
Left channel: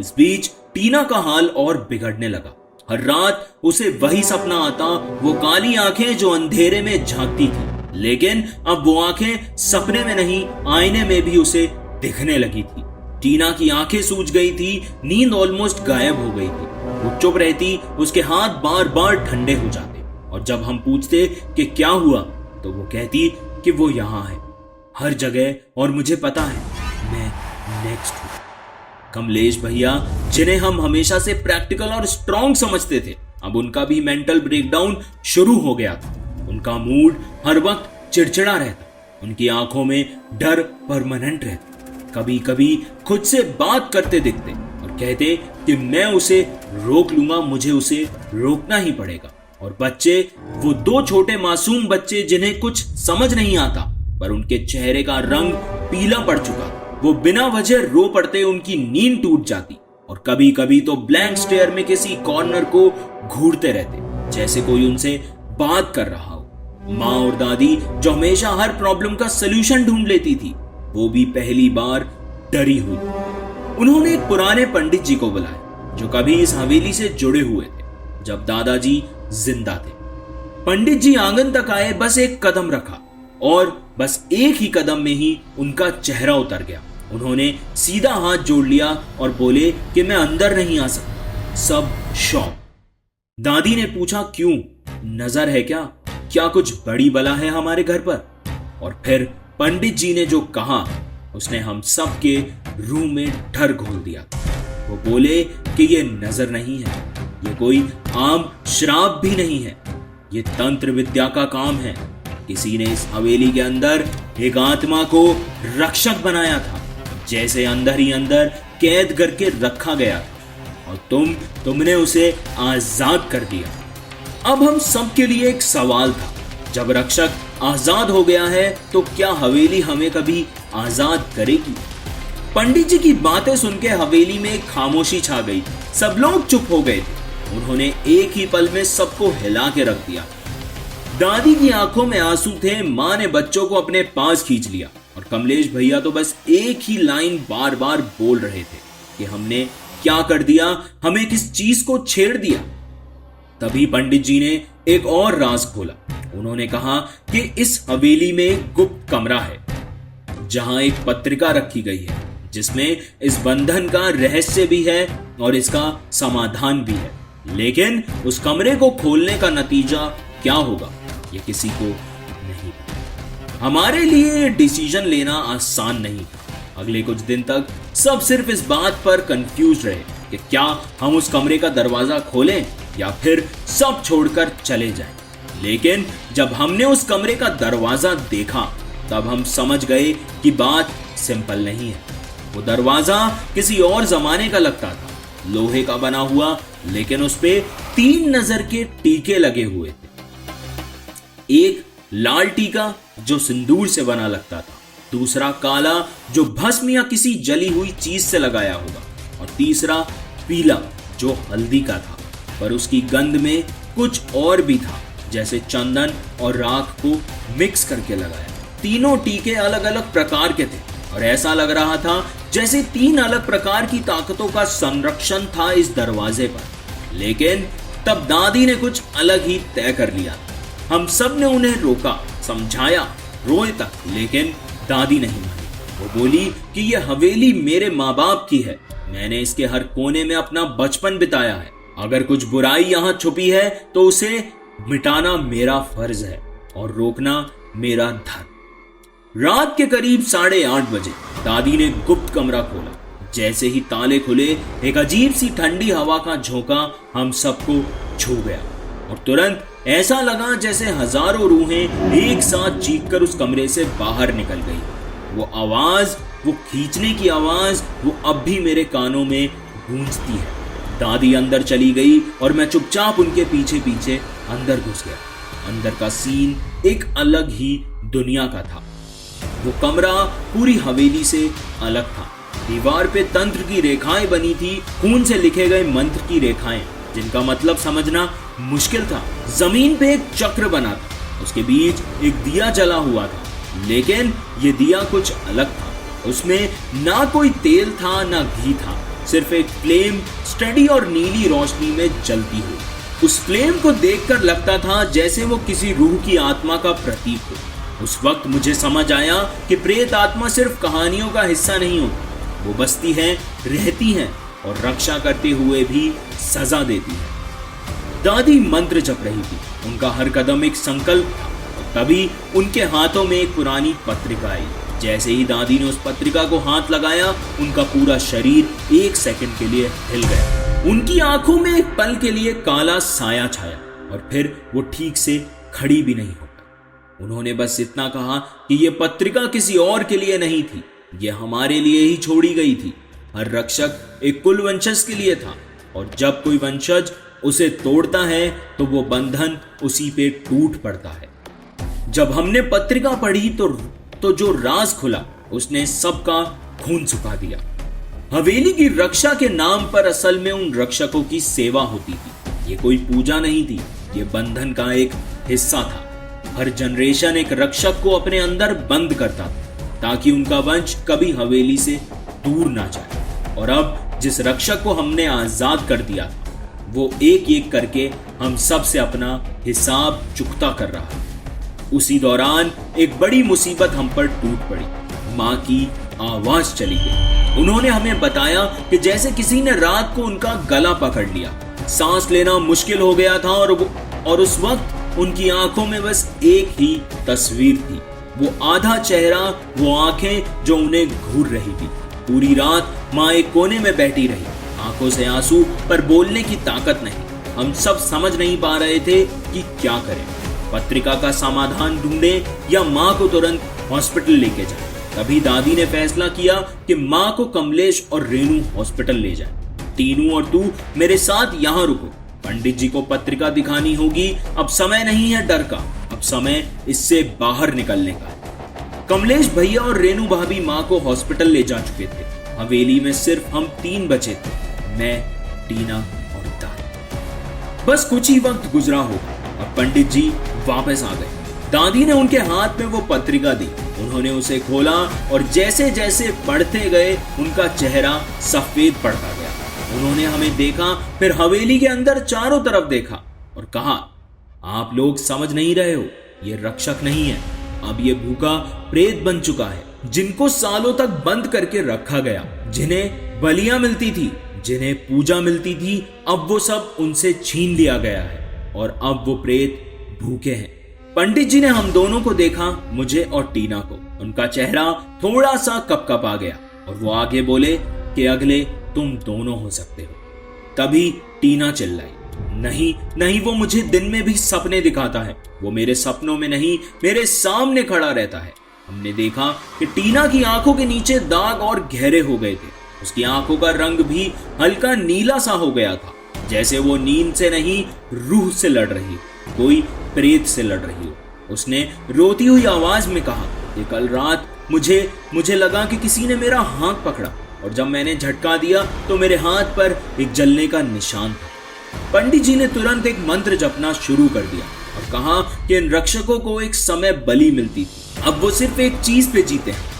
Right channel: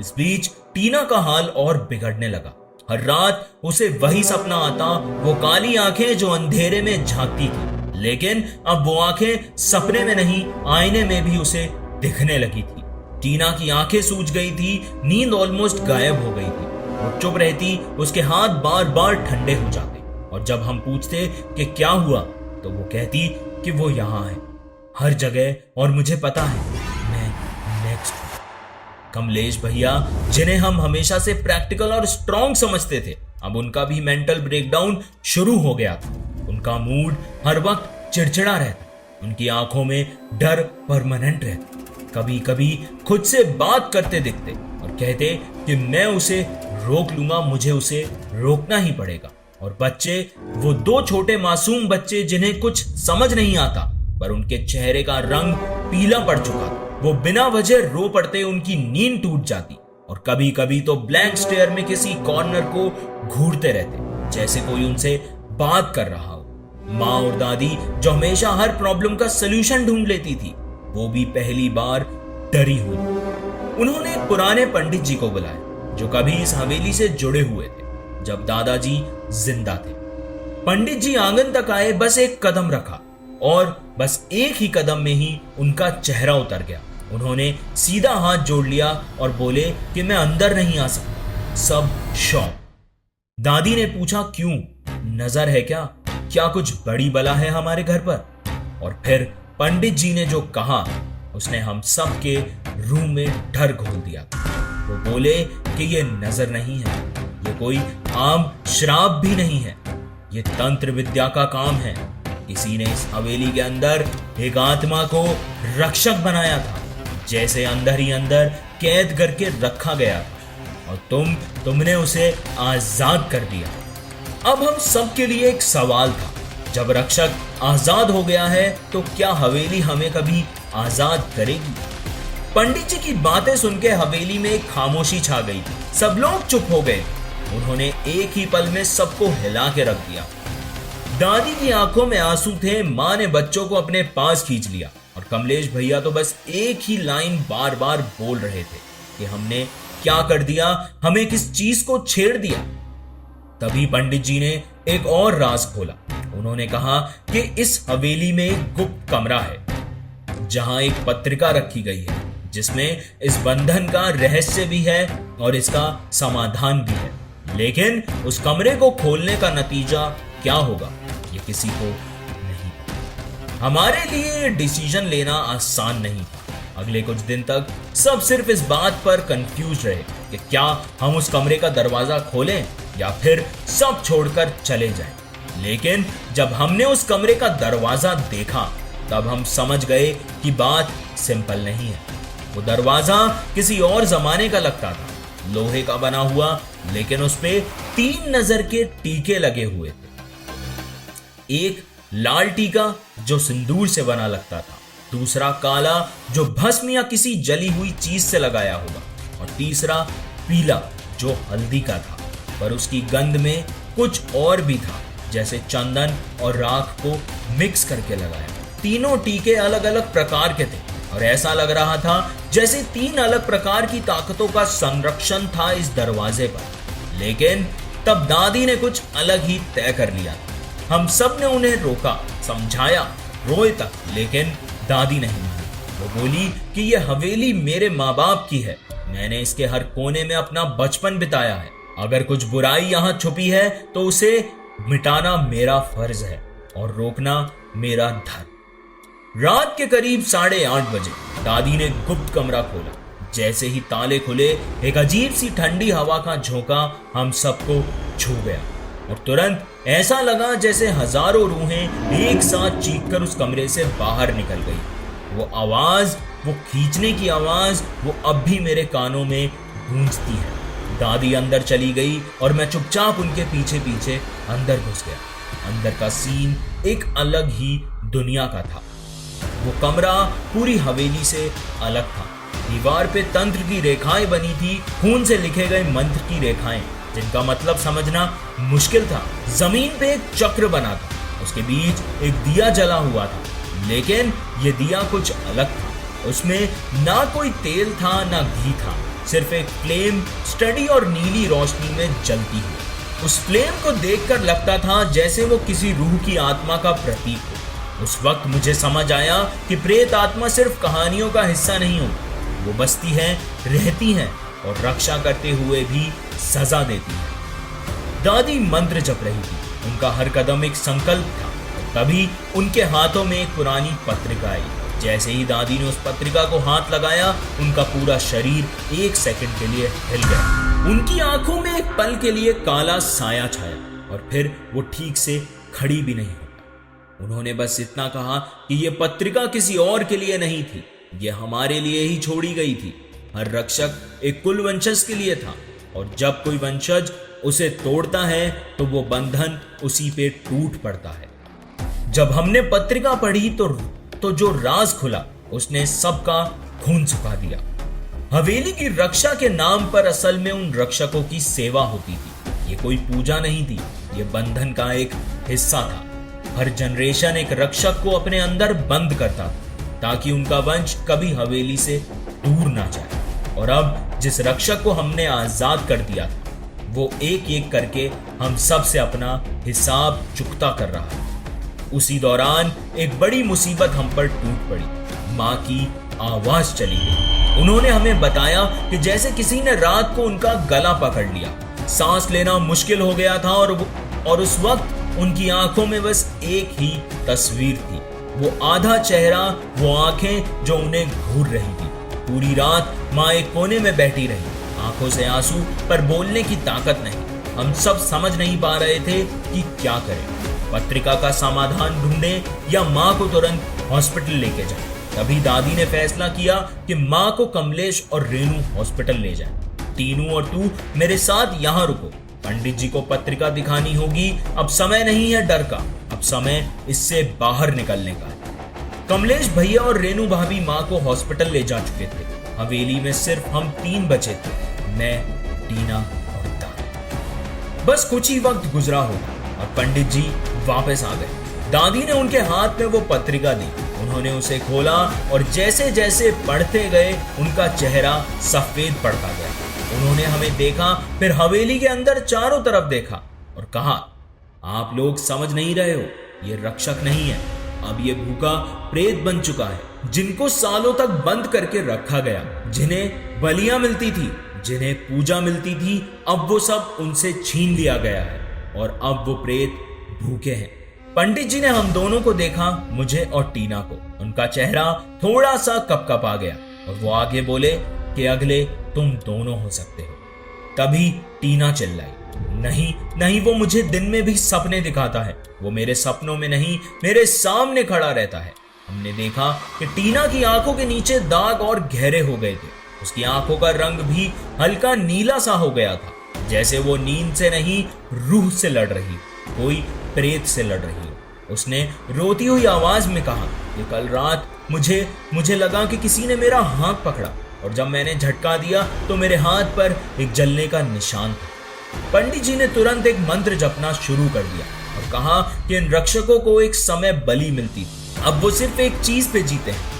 इस बीच टीना का हाल और बिगड़ने लगा। हर रात उसे वही सपना आता, वो काली आंखें जो अंधेरे में झांकती थी, लेकिन अब वो आंखें सपने में नहीं आईने में भी उसे दिखने लगी थी। टीना की आंखें सूज गई थी, नींद ऑलमोस्ट गायब हो गई थी। वो चुप रहती, उसके हाथ बार बार ठंडे हो जाते, और जब हम पूछते कि क्या हुआ तो वो कहती कि वो यहां है, हर जगह, और मुझे पता है मैं नेक्स्ट हूं। कमलेश भैया, जिन्हें हम हमेशा से प्रैक्टिकल और स्ट्रांग समझते थे, अब उनका भी मेंटल ब्रेकडाउन शुरू हो गया था। उनका मूड हर वक्त चिड़चिड़ा रहता, उनकी आंखों में डर परमानेंट रहता। कभी कभी खुद से बात करते दिखते और कहते कि मैं उसे रोक लूंगा, मुझे उसे रोकना ही पड़ेगा। और बच्चे, वो दो छोटे मासूम बच्चे जिन्हें कुछ समझ नहीं आता, पर उनके चेहरे का रंग पीला पड़ चुका था, वो बिना वजह रो पड़ते, उनकी नींद टूट जाती, और कभी कभी तो ब्लैंक स्टेयर में किसी कॉर्नर को घूरते रहते, जैसे कोई उनसे बात कर रहा हो। माँ और दादी, जो हमेशा हर प्रॉब्लम का सलूशन ढूंढ लेती थी, वो भी पहली बार डरी हुई। उन्होंने एक पुराने पंडित जी को बुलाया जो कभी इस हवेली से जुड़े हुए थे जब दादाजी जिंदा थे। पंडित जी आंगन तक आए, बस एक कदम रखा और बस एक ही कदम में ही उनका चेहरा उतर गया। उन्होंने सीधा हाथ जोड़ लिया और बोले कि मैं अंदर नहीं आ सकता। सब शॉक। दादी ने पूछा, क्यों, नजर है क्या? क्या कुछ बड़ी बला है हमारे घर पर? और फिर पंडित जी ने जो कहा उसने हम सब के रूह में डर घोल दिया। वो बोले कि ये नजर नहीं है, ये कोई आम श्राप भी नहीं है, ये तंत्र विद्या का काम है। किसी ने इस हवेली के अंदर एक आत्मा को रक्षक बनाया था, जैसे अंदर ही अंदर कैद करके रखा गया था, और तुमने उसे आजाद कर दिया। अब हम सब के लिए एक सवाल था, जब रक्षक आजाद हो गया है तो क्या हवेली हमें कभी आजाद करेगी? पंडित जी की बातें सुन के हवेली में एक खामोशी छा गई। सब लोग चुप हो गए। उन्होंने एक ही पल में सबको हिला के रख दिया। दादी की आंखों में आंसू थे। माँ ने बच्चों को अपने पास खींच लिया और कमलेश भैया तो बस एक ही लाइन बार बार बोल रहे थे कि हमने क्या कर दिया, हमें किस चीज को छेड़ दिया। तभी पंडित जी ने एक और राज खोला। उन्होंने कहा कि इस हवेली में एक गुप्त कमरा है जहां एक पत्रिका रखी गई है जिसमें इस बंधन का रहस्य भी है और इसका समाधान भी है, लेकिन उस कमरे को खोलने का नतीजा क्या होगा ये किसी को नहीं पता। हमारे लिए डिसीजन लेना आसान नहीं था। अगले कुछ दिन तक सब सिर्फ इस बात पर कंफ्यूज रहे कि क्या हम उस कमरे का दरवाजा खोलें या फिर सब छोड़कर चले जाएं। लेकिन जब हमने उस कमरे का दरवाजा देखा तब हम समझ गए कि बात सिंपल नहीं है। वो दरवाजा किसी और जमाने का लगता था, लोहे का बना हुआ, लेकिन उस पे 3 नजर के टीके लगे हुए थे। एक लाल टीका जो सिंदूर से बना लगता था, दूसरा काला जो भस्म या किसी जली हुई चीज से लगाया होगा, और तीसरा पीला जो हल्दी का था, पर उसकी गंध में कुछ और भी था, जैसे चंदन और राख को मिक्स करके लगाया। तीनों टीके अलग अलग प्रकार के थे और ऐसा लग रहा था जैसे 3 अलग प्रकार की ताकतों का संरक्षण था इस दरवाजे पर। लेकिन तब दादी ने कुछ अलग ही तय कर लिया। हम सब ने उन्हें रोका, समझाया, रोए तक, लेकिन दादी नहीं मानी। वो बोली कि यह हवेली मेरे माँ बाप की है, मैंने इसके हर कोने में अपना बचपन बिताया है। अगर कुछ बुराई यहाँ छुपी है तो उसे मिटाना मेरा फर्ज है और रोकना मेरा धर्म। रात के करीब 8:30 बजे दादी ने गुप्त कमरा खोला। जैसे ही ताले खुले, एक अजीब सी ठंडी हवा का झोंका हम सबको छू गया। और तुरंत ऐसा लगा जैसे हजारों रूहें एक साथ चीखकर उस कमरे से बाहर निकल गई। वो आवाज, वो खींचने की आवाज, वो अब भी मेरे कानों में गूंजती है। दादी अंदर चली गई और मैं चुपचाप उनके पीछे पीछे अंदर घुस गया। अंदर का सीन एक अलग ही दुनिया का था। वो कमरा पूरी हवेली से अलग था। दीवार पे तंत्र की रेखाएं बनी थी, खून से लिखे गए मंत्र की रेखाएं, जिनका मतलब समझना मुश्किल था। जमीन पे एक चक्र बना था, उसके बीच एक दिया जला हुआ था, लेकिन ये दिया कुछ अलग था। उसमें ना कोई तेल था ना घी था, सिर्फ एक फ्लेम स्टडी और नीली रोशनी में जलती हुई। उस फ्लेम को देखकर लगता था जैसे वो किसी रूह की आत्मा का प्रतीक हो। उस वक्त मुझे समझ आया कि प्रेत आत्मा सिर्फ कहानियों का हिस्सा नहीं होती, वो बसती हैं, रहती हैं और रक्षा करते हुए भी सजा देती है। दादी मंत्र जप रही थी, उनका हर कदम एक संकल्प था। और तभी उनके हाथों में एक पुरानी पत्रिका आई। जैसे ही दादी ने उस पत्रिका को हाथ लगाया, उनका पूरा शरीर एक सेकंड के लिए हिल गया। उनकी आंखों में एक पल के लिए काला साया छाया और फिर वो ठीक से खड़ी भी नहीं हो पाई। उन्होंने बस इतना कहा कि ये पत्रिका किसी और के लिए नहीं थी, ये हमारे लिए ही छोड़ी गई थी। हर रक्षक एक कुल वंशज के लिए था, और जब कोई वंशज उसे तोड़ता है तो वो बंधन उसी पे टूट पड़ता है। जब हमने पत्रिका पढ़ी तो जो राज खुला, उसने सबका खून सुखा दिया। हवेली की रक्षा के नाम पर असल में उन रक्षकों की सेवा होती थी। ये कोई पूजा नहीं थी, ये बंधन का एक हिस्सा था। हर जनरेशन एक रक्षक को अपने अंदर बंद करता था ताकि उनका वंश कभी हवेली से दूर ना जाए। और अब जिस रक्षक को हमने आजाद कर दिया था, वो एक एक करके हम सब से अपना हिसाब चुकता कर रहा है। उसी दौरान एक बड़ी मुसीबत हम पर टूट पड़ी। माँ की आवाज चली गई। उन्होंने हमें बताया कि जैसे किसी ने रात को उनका गला पकड़ लिया, सांस लेना मुश्किल हो गया था, और उस वक्त उनकी आंखों में बस एक ही तस्वीर थी, वो आधा चेहरा, वो आंखें जो उन्हें घूर रही थी। पूरी रात माँ एक कोने में बैठी रही, आंखों से आंसू पर बोलने की ताकत नहीं। हम सब समझ नहीं पा रहे थे कि क्या करें, पत्रिका का समाधान ढूंढें या माँ को तुरंत हॉस्पिटल लेके जाएं। तभी दादी ने फैसला किया कि माँ को कमलेश और रेनू हॉस्पिटल ले जाएं। टीनू और तू मेरे साथ यहाँ रुको, पंडित जी को पत्रिका दिखानी होगी। अब समय नहीं है डर का, अब समय इससे बाहर निकलने का है। कमलेश भैया और रेनू भाभी माँ को हॉस्पिटल ले जा चुके थे। हवेली में सिर्फ हम 3 बचे थे, मैं, टीना और दादी। बस कुछ ही वक्त गुजरा होगा और पंडित जी वापस आ गए। दादी ने उनके हाथ में वो पत्रिका दी। उन्होंने उसे खोला और जैसे जैसे पढ़ते गए उनका चेहरा सफेद पड़ता गया। उन्होंने हमें देखा, फिर हवेली के अंदर चारों तरफ देखा और कहा, आप लोग समझ नहीं रहे हो, ये रक्षक नहीं है, अब ये भूखा प्रेत बन चुका है, जिनको सालों तक बंद करके रखा गया, जिन्हें बलियां मिलती थी, जिन्हें पूजा मिलती थी, अब वो सब उनसे छीन लिया गया है और अब वो प्रेत भूखे हैं। पंडित जी ने हम दोनों को देखा, मुझे और टीना को। उनका चेहरा थोड़ा सा कपकपा गया और वो आगे बोले कि अगले तुम दोनों हो सकते हो। तभी टीना चिल्लाई, नहीं नहीं, वो मुझे दिन में भी सपने दिखाता है, वो मेरे सपनों में नहीं, मेरे सामने खड़ा रहता है। हमने देखा कि टीना की आंखों के नीचे दाग और गहरे हो गए थे। उसकी आंखों का रंग भी हल्का नीला सा हो गया था, जैसे वो नींद से नहीं, रूह से लड़ रही, कोई प्रेत से लड़ रही हो। उसने रोती हुई आवाज में कहा कि कल रात मुझे लगा कि किसी ने मेरा हाथ पकड़ा और जब मैंने झटका दिया तो मेरे हाथ पर एक जलने का निशान था। पंडित जी ने तुरंत एक मंत्र जपना शुरू कर दिया और कहा कि इन रक्षकों को एक समय बलि मिलती थी, अब वो सिर्फ एक चीज पे जीते हैं,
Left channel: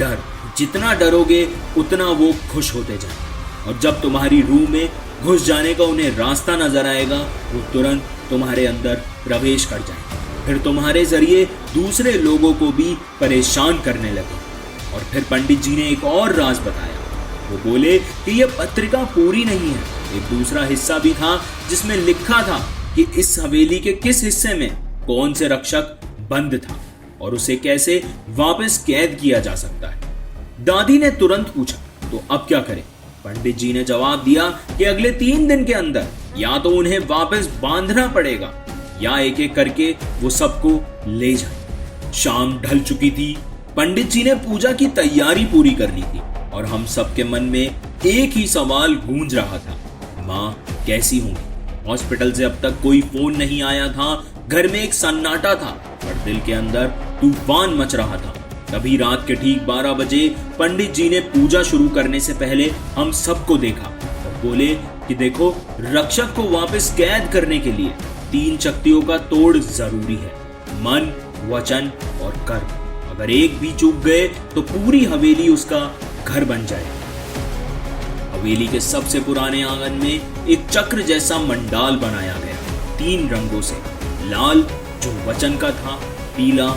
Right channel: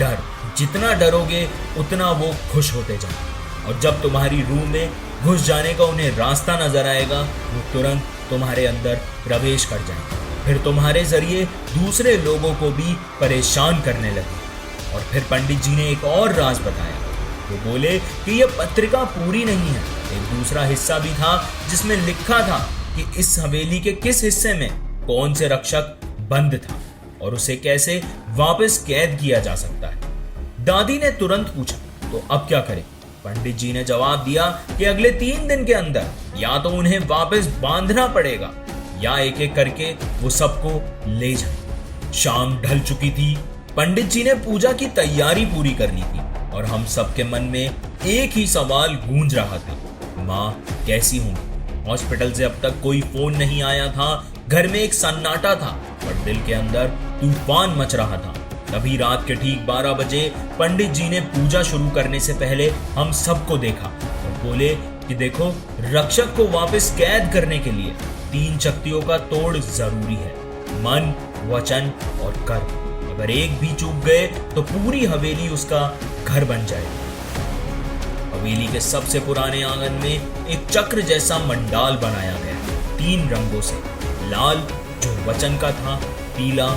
डर। जितना डरोगे उतना वो खुश होते जाएंगे और जब तुम्हारी रूह में घुस जाने का उन्हें रास्ता नजर आएगा, वो तुरंत तुम्हारे अंदर प्रवेश कर जाएंगे, फिर तुम्हारे जरिए दूसरे लोगों को भी परेशान करने लगे। और फिर पंडित जी ने एक और राज बताया। वो बोले कि यह पत्रिका पूरी नहीं है, एक दूसरा हिस्सा भी था जिसमें लिखा था कि इस हवेली के किस हिस्से में कौन से रक्षक बंद था और उसे कैसे वापस कैद किया जा सकता है। दादी ने तुरंत पूछा, तो अब क्या करें? पंडित जी ने जवाब दिया कि अगले 3 दिन के अंदर या तो उन्हें वापस बांधना पड़ेगा या एक एक करके वो सबको ले जाए। शाम ढल चुकी थी। पंडित जी ने पूजा की तैयारी पूरी कर ली थी और हम सबके मन में एक ही सवाल गूंज रहा था, माँ कैसी होंगी। हॉस्पिटल से अब तक कोई फोन नहीं आया था। घर में एक सन्नाटा था, पर दिल के अंदर तूफान मच रहा था। तभी रात के ठीक 12 बजे पंडित जी ने पूजा शुरू करने से पहले हम सबको देखा और बोले कि देखो, रक्षक को वापस कैद करने के लिए 3 शक्तियों का तोड़ जरूरी है, मन, वचन और कर्म। अगर एक भी चूक गए तो पूरी हवेली उसका घर बन जाएगी। हवेली के सबसे पुराने आंगन में एक चक्र जैसा मंडाल बनाया गया, 3 रंगों से। लाल जो वचन का था, पीला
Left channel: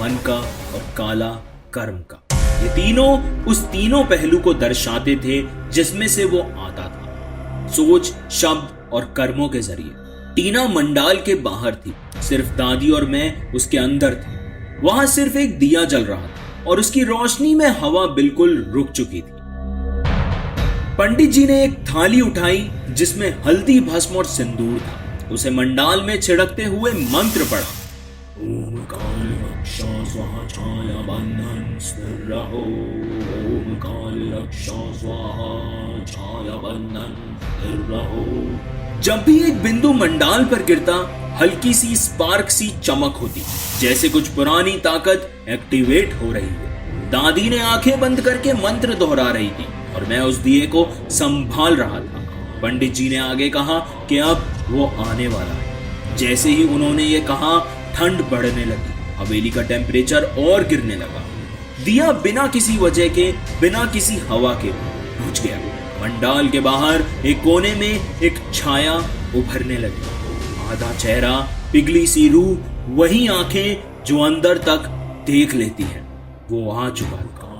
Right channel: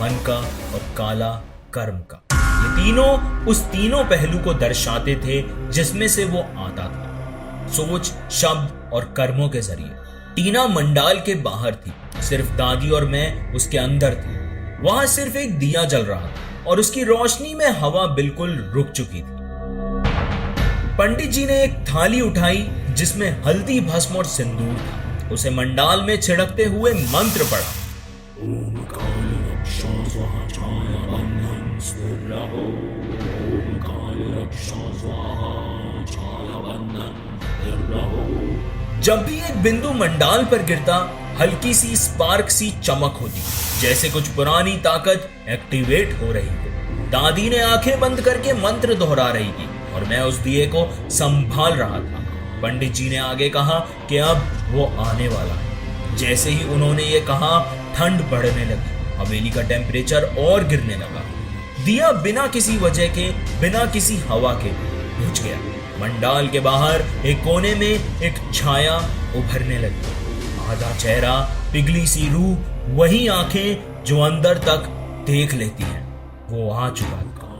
मन का और काला कर्म का। ये तीनों उस तीनों पहलू को दर्शाते थे जिसमें से वो आता था, सोच, शब्द और कर्मों के जरिए। टीना मंडाल के बाहर थी, सिर्फ दादी और मैं उसके अंदर थे। वहां सिर्फ एक दिया जल रहा था और उसकी रोशनी में हवा बिल्कुल रुक चुकी थी। पंडित जी ने एक थाली उठाई जिसमें हल्दी, भस्म और सिंदूर था। उसे मंडाल में छिड़कते हुए मंत्र पढ़ा, ओम काल रक्षा स्वाहा छाया बंधन स्थिर रहो, ओम काल रक्षा स्वाहा छाया बंधन स्थिर रहो। जब भी एक बिंदु मंडाल पर गिरता, हल्की सी स्पार्क सी चमक होती, जैसे कुछ पुरानी ताकत एक्टिवेट हो रही है। दादी ने आंखें बंद करके मंत्र दोहरा रही थी और मैं उस दिए को संभाल रहा था। पंडित जी ने आगे कहा कि अब वो आने वाला है। जैसे ही उन्होंने ये कहा, ठंड बढ़ने लगी, हवेली का टेम्परेचर और गिरने लगा। दिया बिना किसी वजह के, बिना किसी हवा के बुझ गया। मंडाल के बाहर एक कोने में एक छाया उभरने लगी, आधा चेहरा, पिघली सी रूह, वही आंखें जो अंदर तक देख लेती हैं, वो आ चुका था।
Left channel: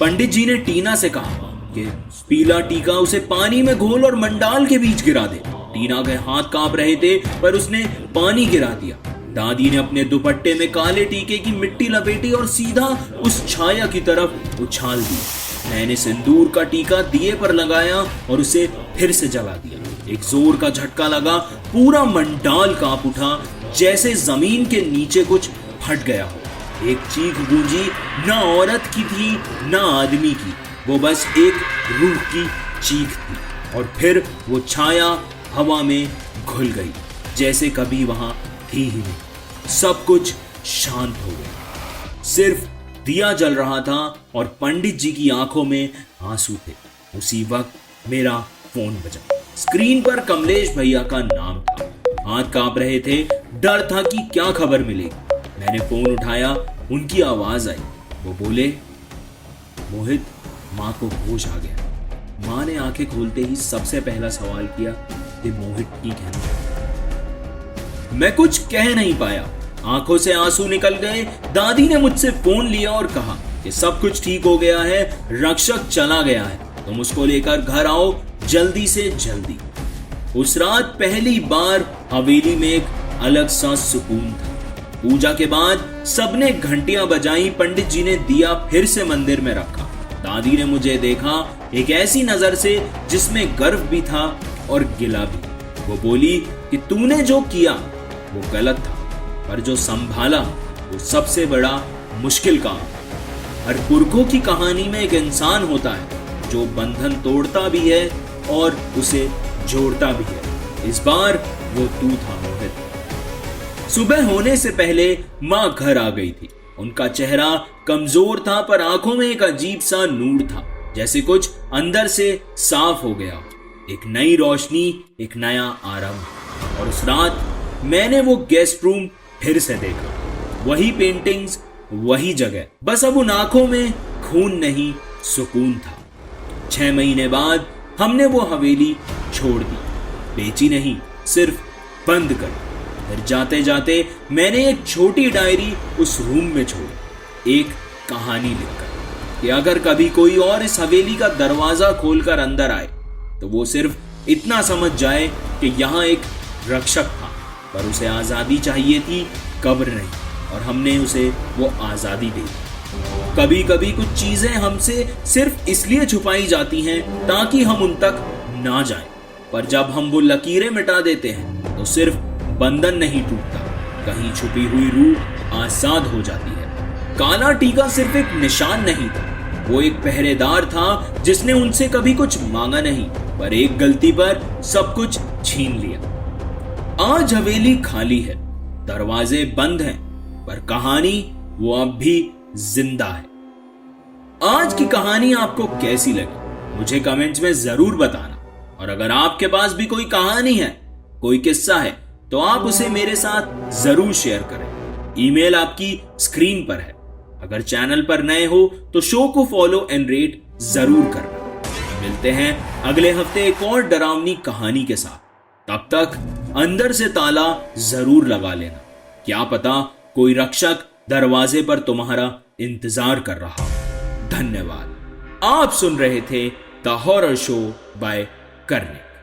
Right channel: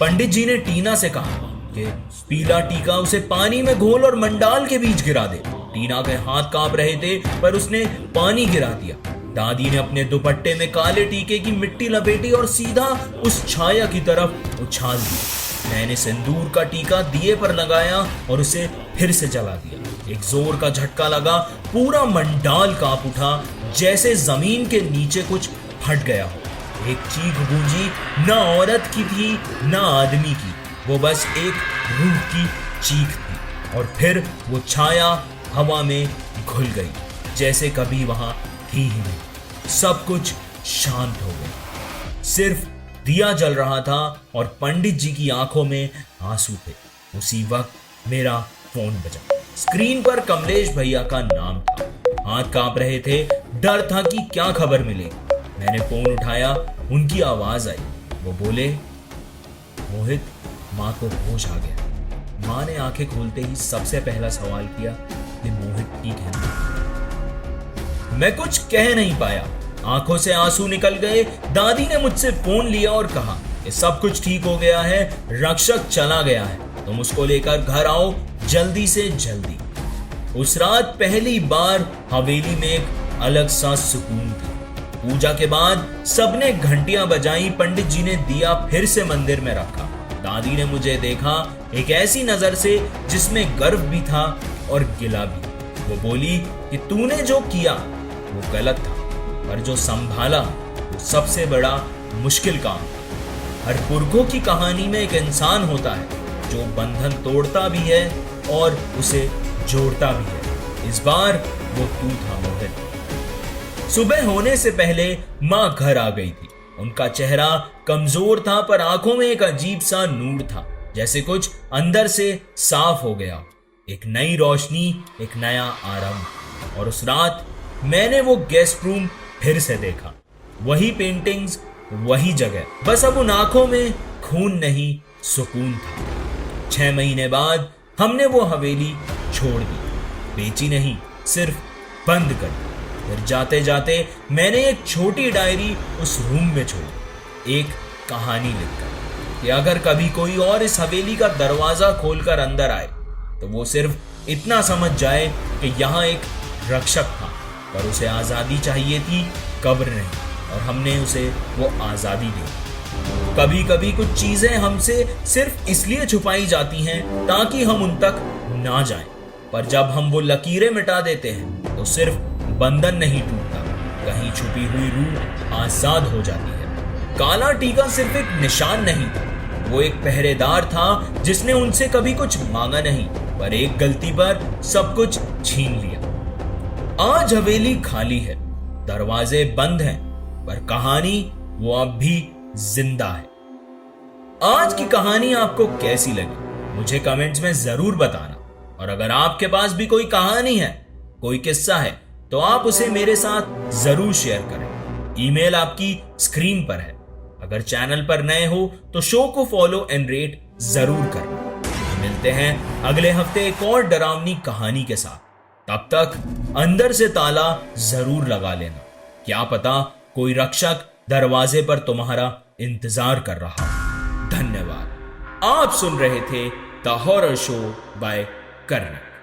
पंडित जी ने टीना से कहा कि पीला टीका उसे पानी में घोल और मंडाल के बीच गिरा दे। टीना के हाथ कांप रहे थे, पर उसने पानी गिरा दिया। दादी ने अपने दुपट्टे में काले टीके की मिट्टी लपेटी और सीधा उस छाया की तरफ उछाल दी। मैंने सिंदूर का टीका दिए पर लगाया और उसे फिर से जला दिया। एक जोर का झटका लगा, पूरा मंडाल कांप उठा, जैसे जमीन के नीचे कुछ फट गया हो। एक चीख गूंजी, ना औरत की थी ना आदमी की, वो बस एक रूह की चीख थी। और फिर वो छाया हवा में घुल गई, जैसे कभी वहां थी ही नहीं। सब कुछ शांत हो गया, सिर्फ दिया जल रहा था और पंडित जी की आंखों में आंसू थे। उसी वक्त मेरा फोन बजा। स्क्रीन पर कमलेश भैया का नाम था। हाथ कांप रहे थे, डर था कि क्या खबर मिलेगी। मैंने फोन उठाया, उनकी आवाज आई। वो बोले, मोहित, माँ को होश आ गया। माँ ने आंखें खोलते ही सबसे पहला सवाल किया कि मोहित ठीक है ना? मैं कुछ कह नहीं पाया, आंखों से आंसू निकल गए। दादी ने मुझसे फोन लिया और कहा कि सब कुछ ठीक हो गया है, रक्षक चला गया है, तुम उसको लेकर घर आओ जल्दी से जल्दी। उस रात पहली बार हवेली में एक अलग सा सुकून था। पूजा के बाद सबने घंटियां बजाई, पंडित जी ने दिया फिर से मंदिर में रखा। दादी ने मुझे देखा एक ऐसी नजर से जिसमें गर्व भी था और गिला भी। वो बोली कि तूने जो किया वो गलत था, पर जो संभाला वो सबसे बड़ा मुश्किल काम। हर पुरखों की कहानी में एक इंसान होता है जो बंधन तोड़ता भी है और उसे जोड़ता भी है। इस बार वो तू था मोहित। सुबह होने से पहले माँ घर आ गई थी। उनका चेहरा कमजोर था, पर आंखों में एक अजीब सा नूर था, जैसे कुछ अंदर से साफ हो गया। एक नई रोशनी, एक नया आरंभ। और उस रात मैंने वो गेस्ट रूम फिर से देखा, वही पेंटिंग्स, वही जगह, बस अब उन आंखों में खून नहीं, सुकून था। 6 महीने बाद हमने वो हवेली छोड़ दी, बेची नहीं, सिर्फ बंद कर दी। फिर जाते जाते मैंने एक छोटी डायरी उस रूम में छोड़ी, एक कहानी लिखकर कि अगर कभी कोई और इस हवेली का दरवाजा खोलकर अंदर आए तो वो सिर्फ इतना समझ जाए कि यहाँ एक रक्षक था, पर उसे आजादी चाहिए थी, कब्र नहीं, और हमने उसे वो आजादी दी। कभी कभी कुछ चीजें हमसे सिर्फ इसलिए छुपाई जाती हैं ताकि हम उन तक ना जाएं, पर जब हम वो लकीरें मिटा देते हैं तो सिर्फ बंधन नहीं टूटता, कहीं छुपी हुई रूह आजाद हो जाती है। काला टीका सिर्फ एक निशान नहीं था, वो एक पहरेदार था जिसने उनसे कभी कुछ मांगा नहीं, पर एक गलती पर सब कुछ छीन लिया। आज हवेली खाली है, दरवाजे बंद हैं, पर कहानी वो अब भी जिंदा है। आज की कहानी आपको कैसी लगी मुझे कमेंट्स में जरूर बताना, और अगर आपके पास भी कोई कहानी है, कोई किस्सा है, तो आप उसे मेरे साथ जरूर शेयर करें। ईमेल आपकी स्क्रीन पर है। अगर चैनल पर नए हो तो शो को फॉलो एंड रेट जरूर करना। मिलते हैं अगले हफ्ते एक और डरावनी कहानी के साथ। तब तक अंदर से ताला जरूर लगा लेना, क्या पता कोई रक्षक दरवाजे पर तुम्हारा इंतजार कर रहा हो। धन्यवाद। आप सुन रहे थे द हॉरर शो बाय करने।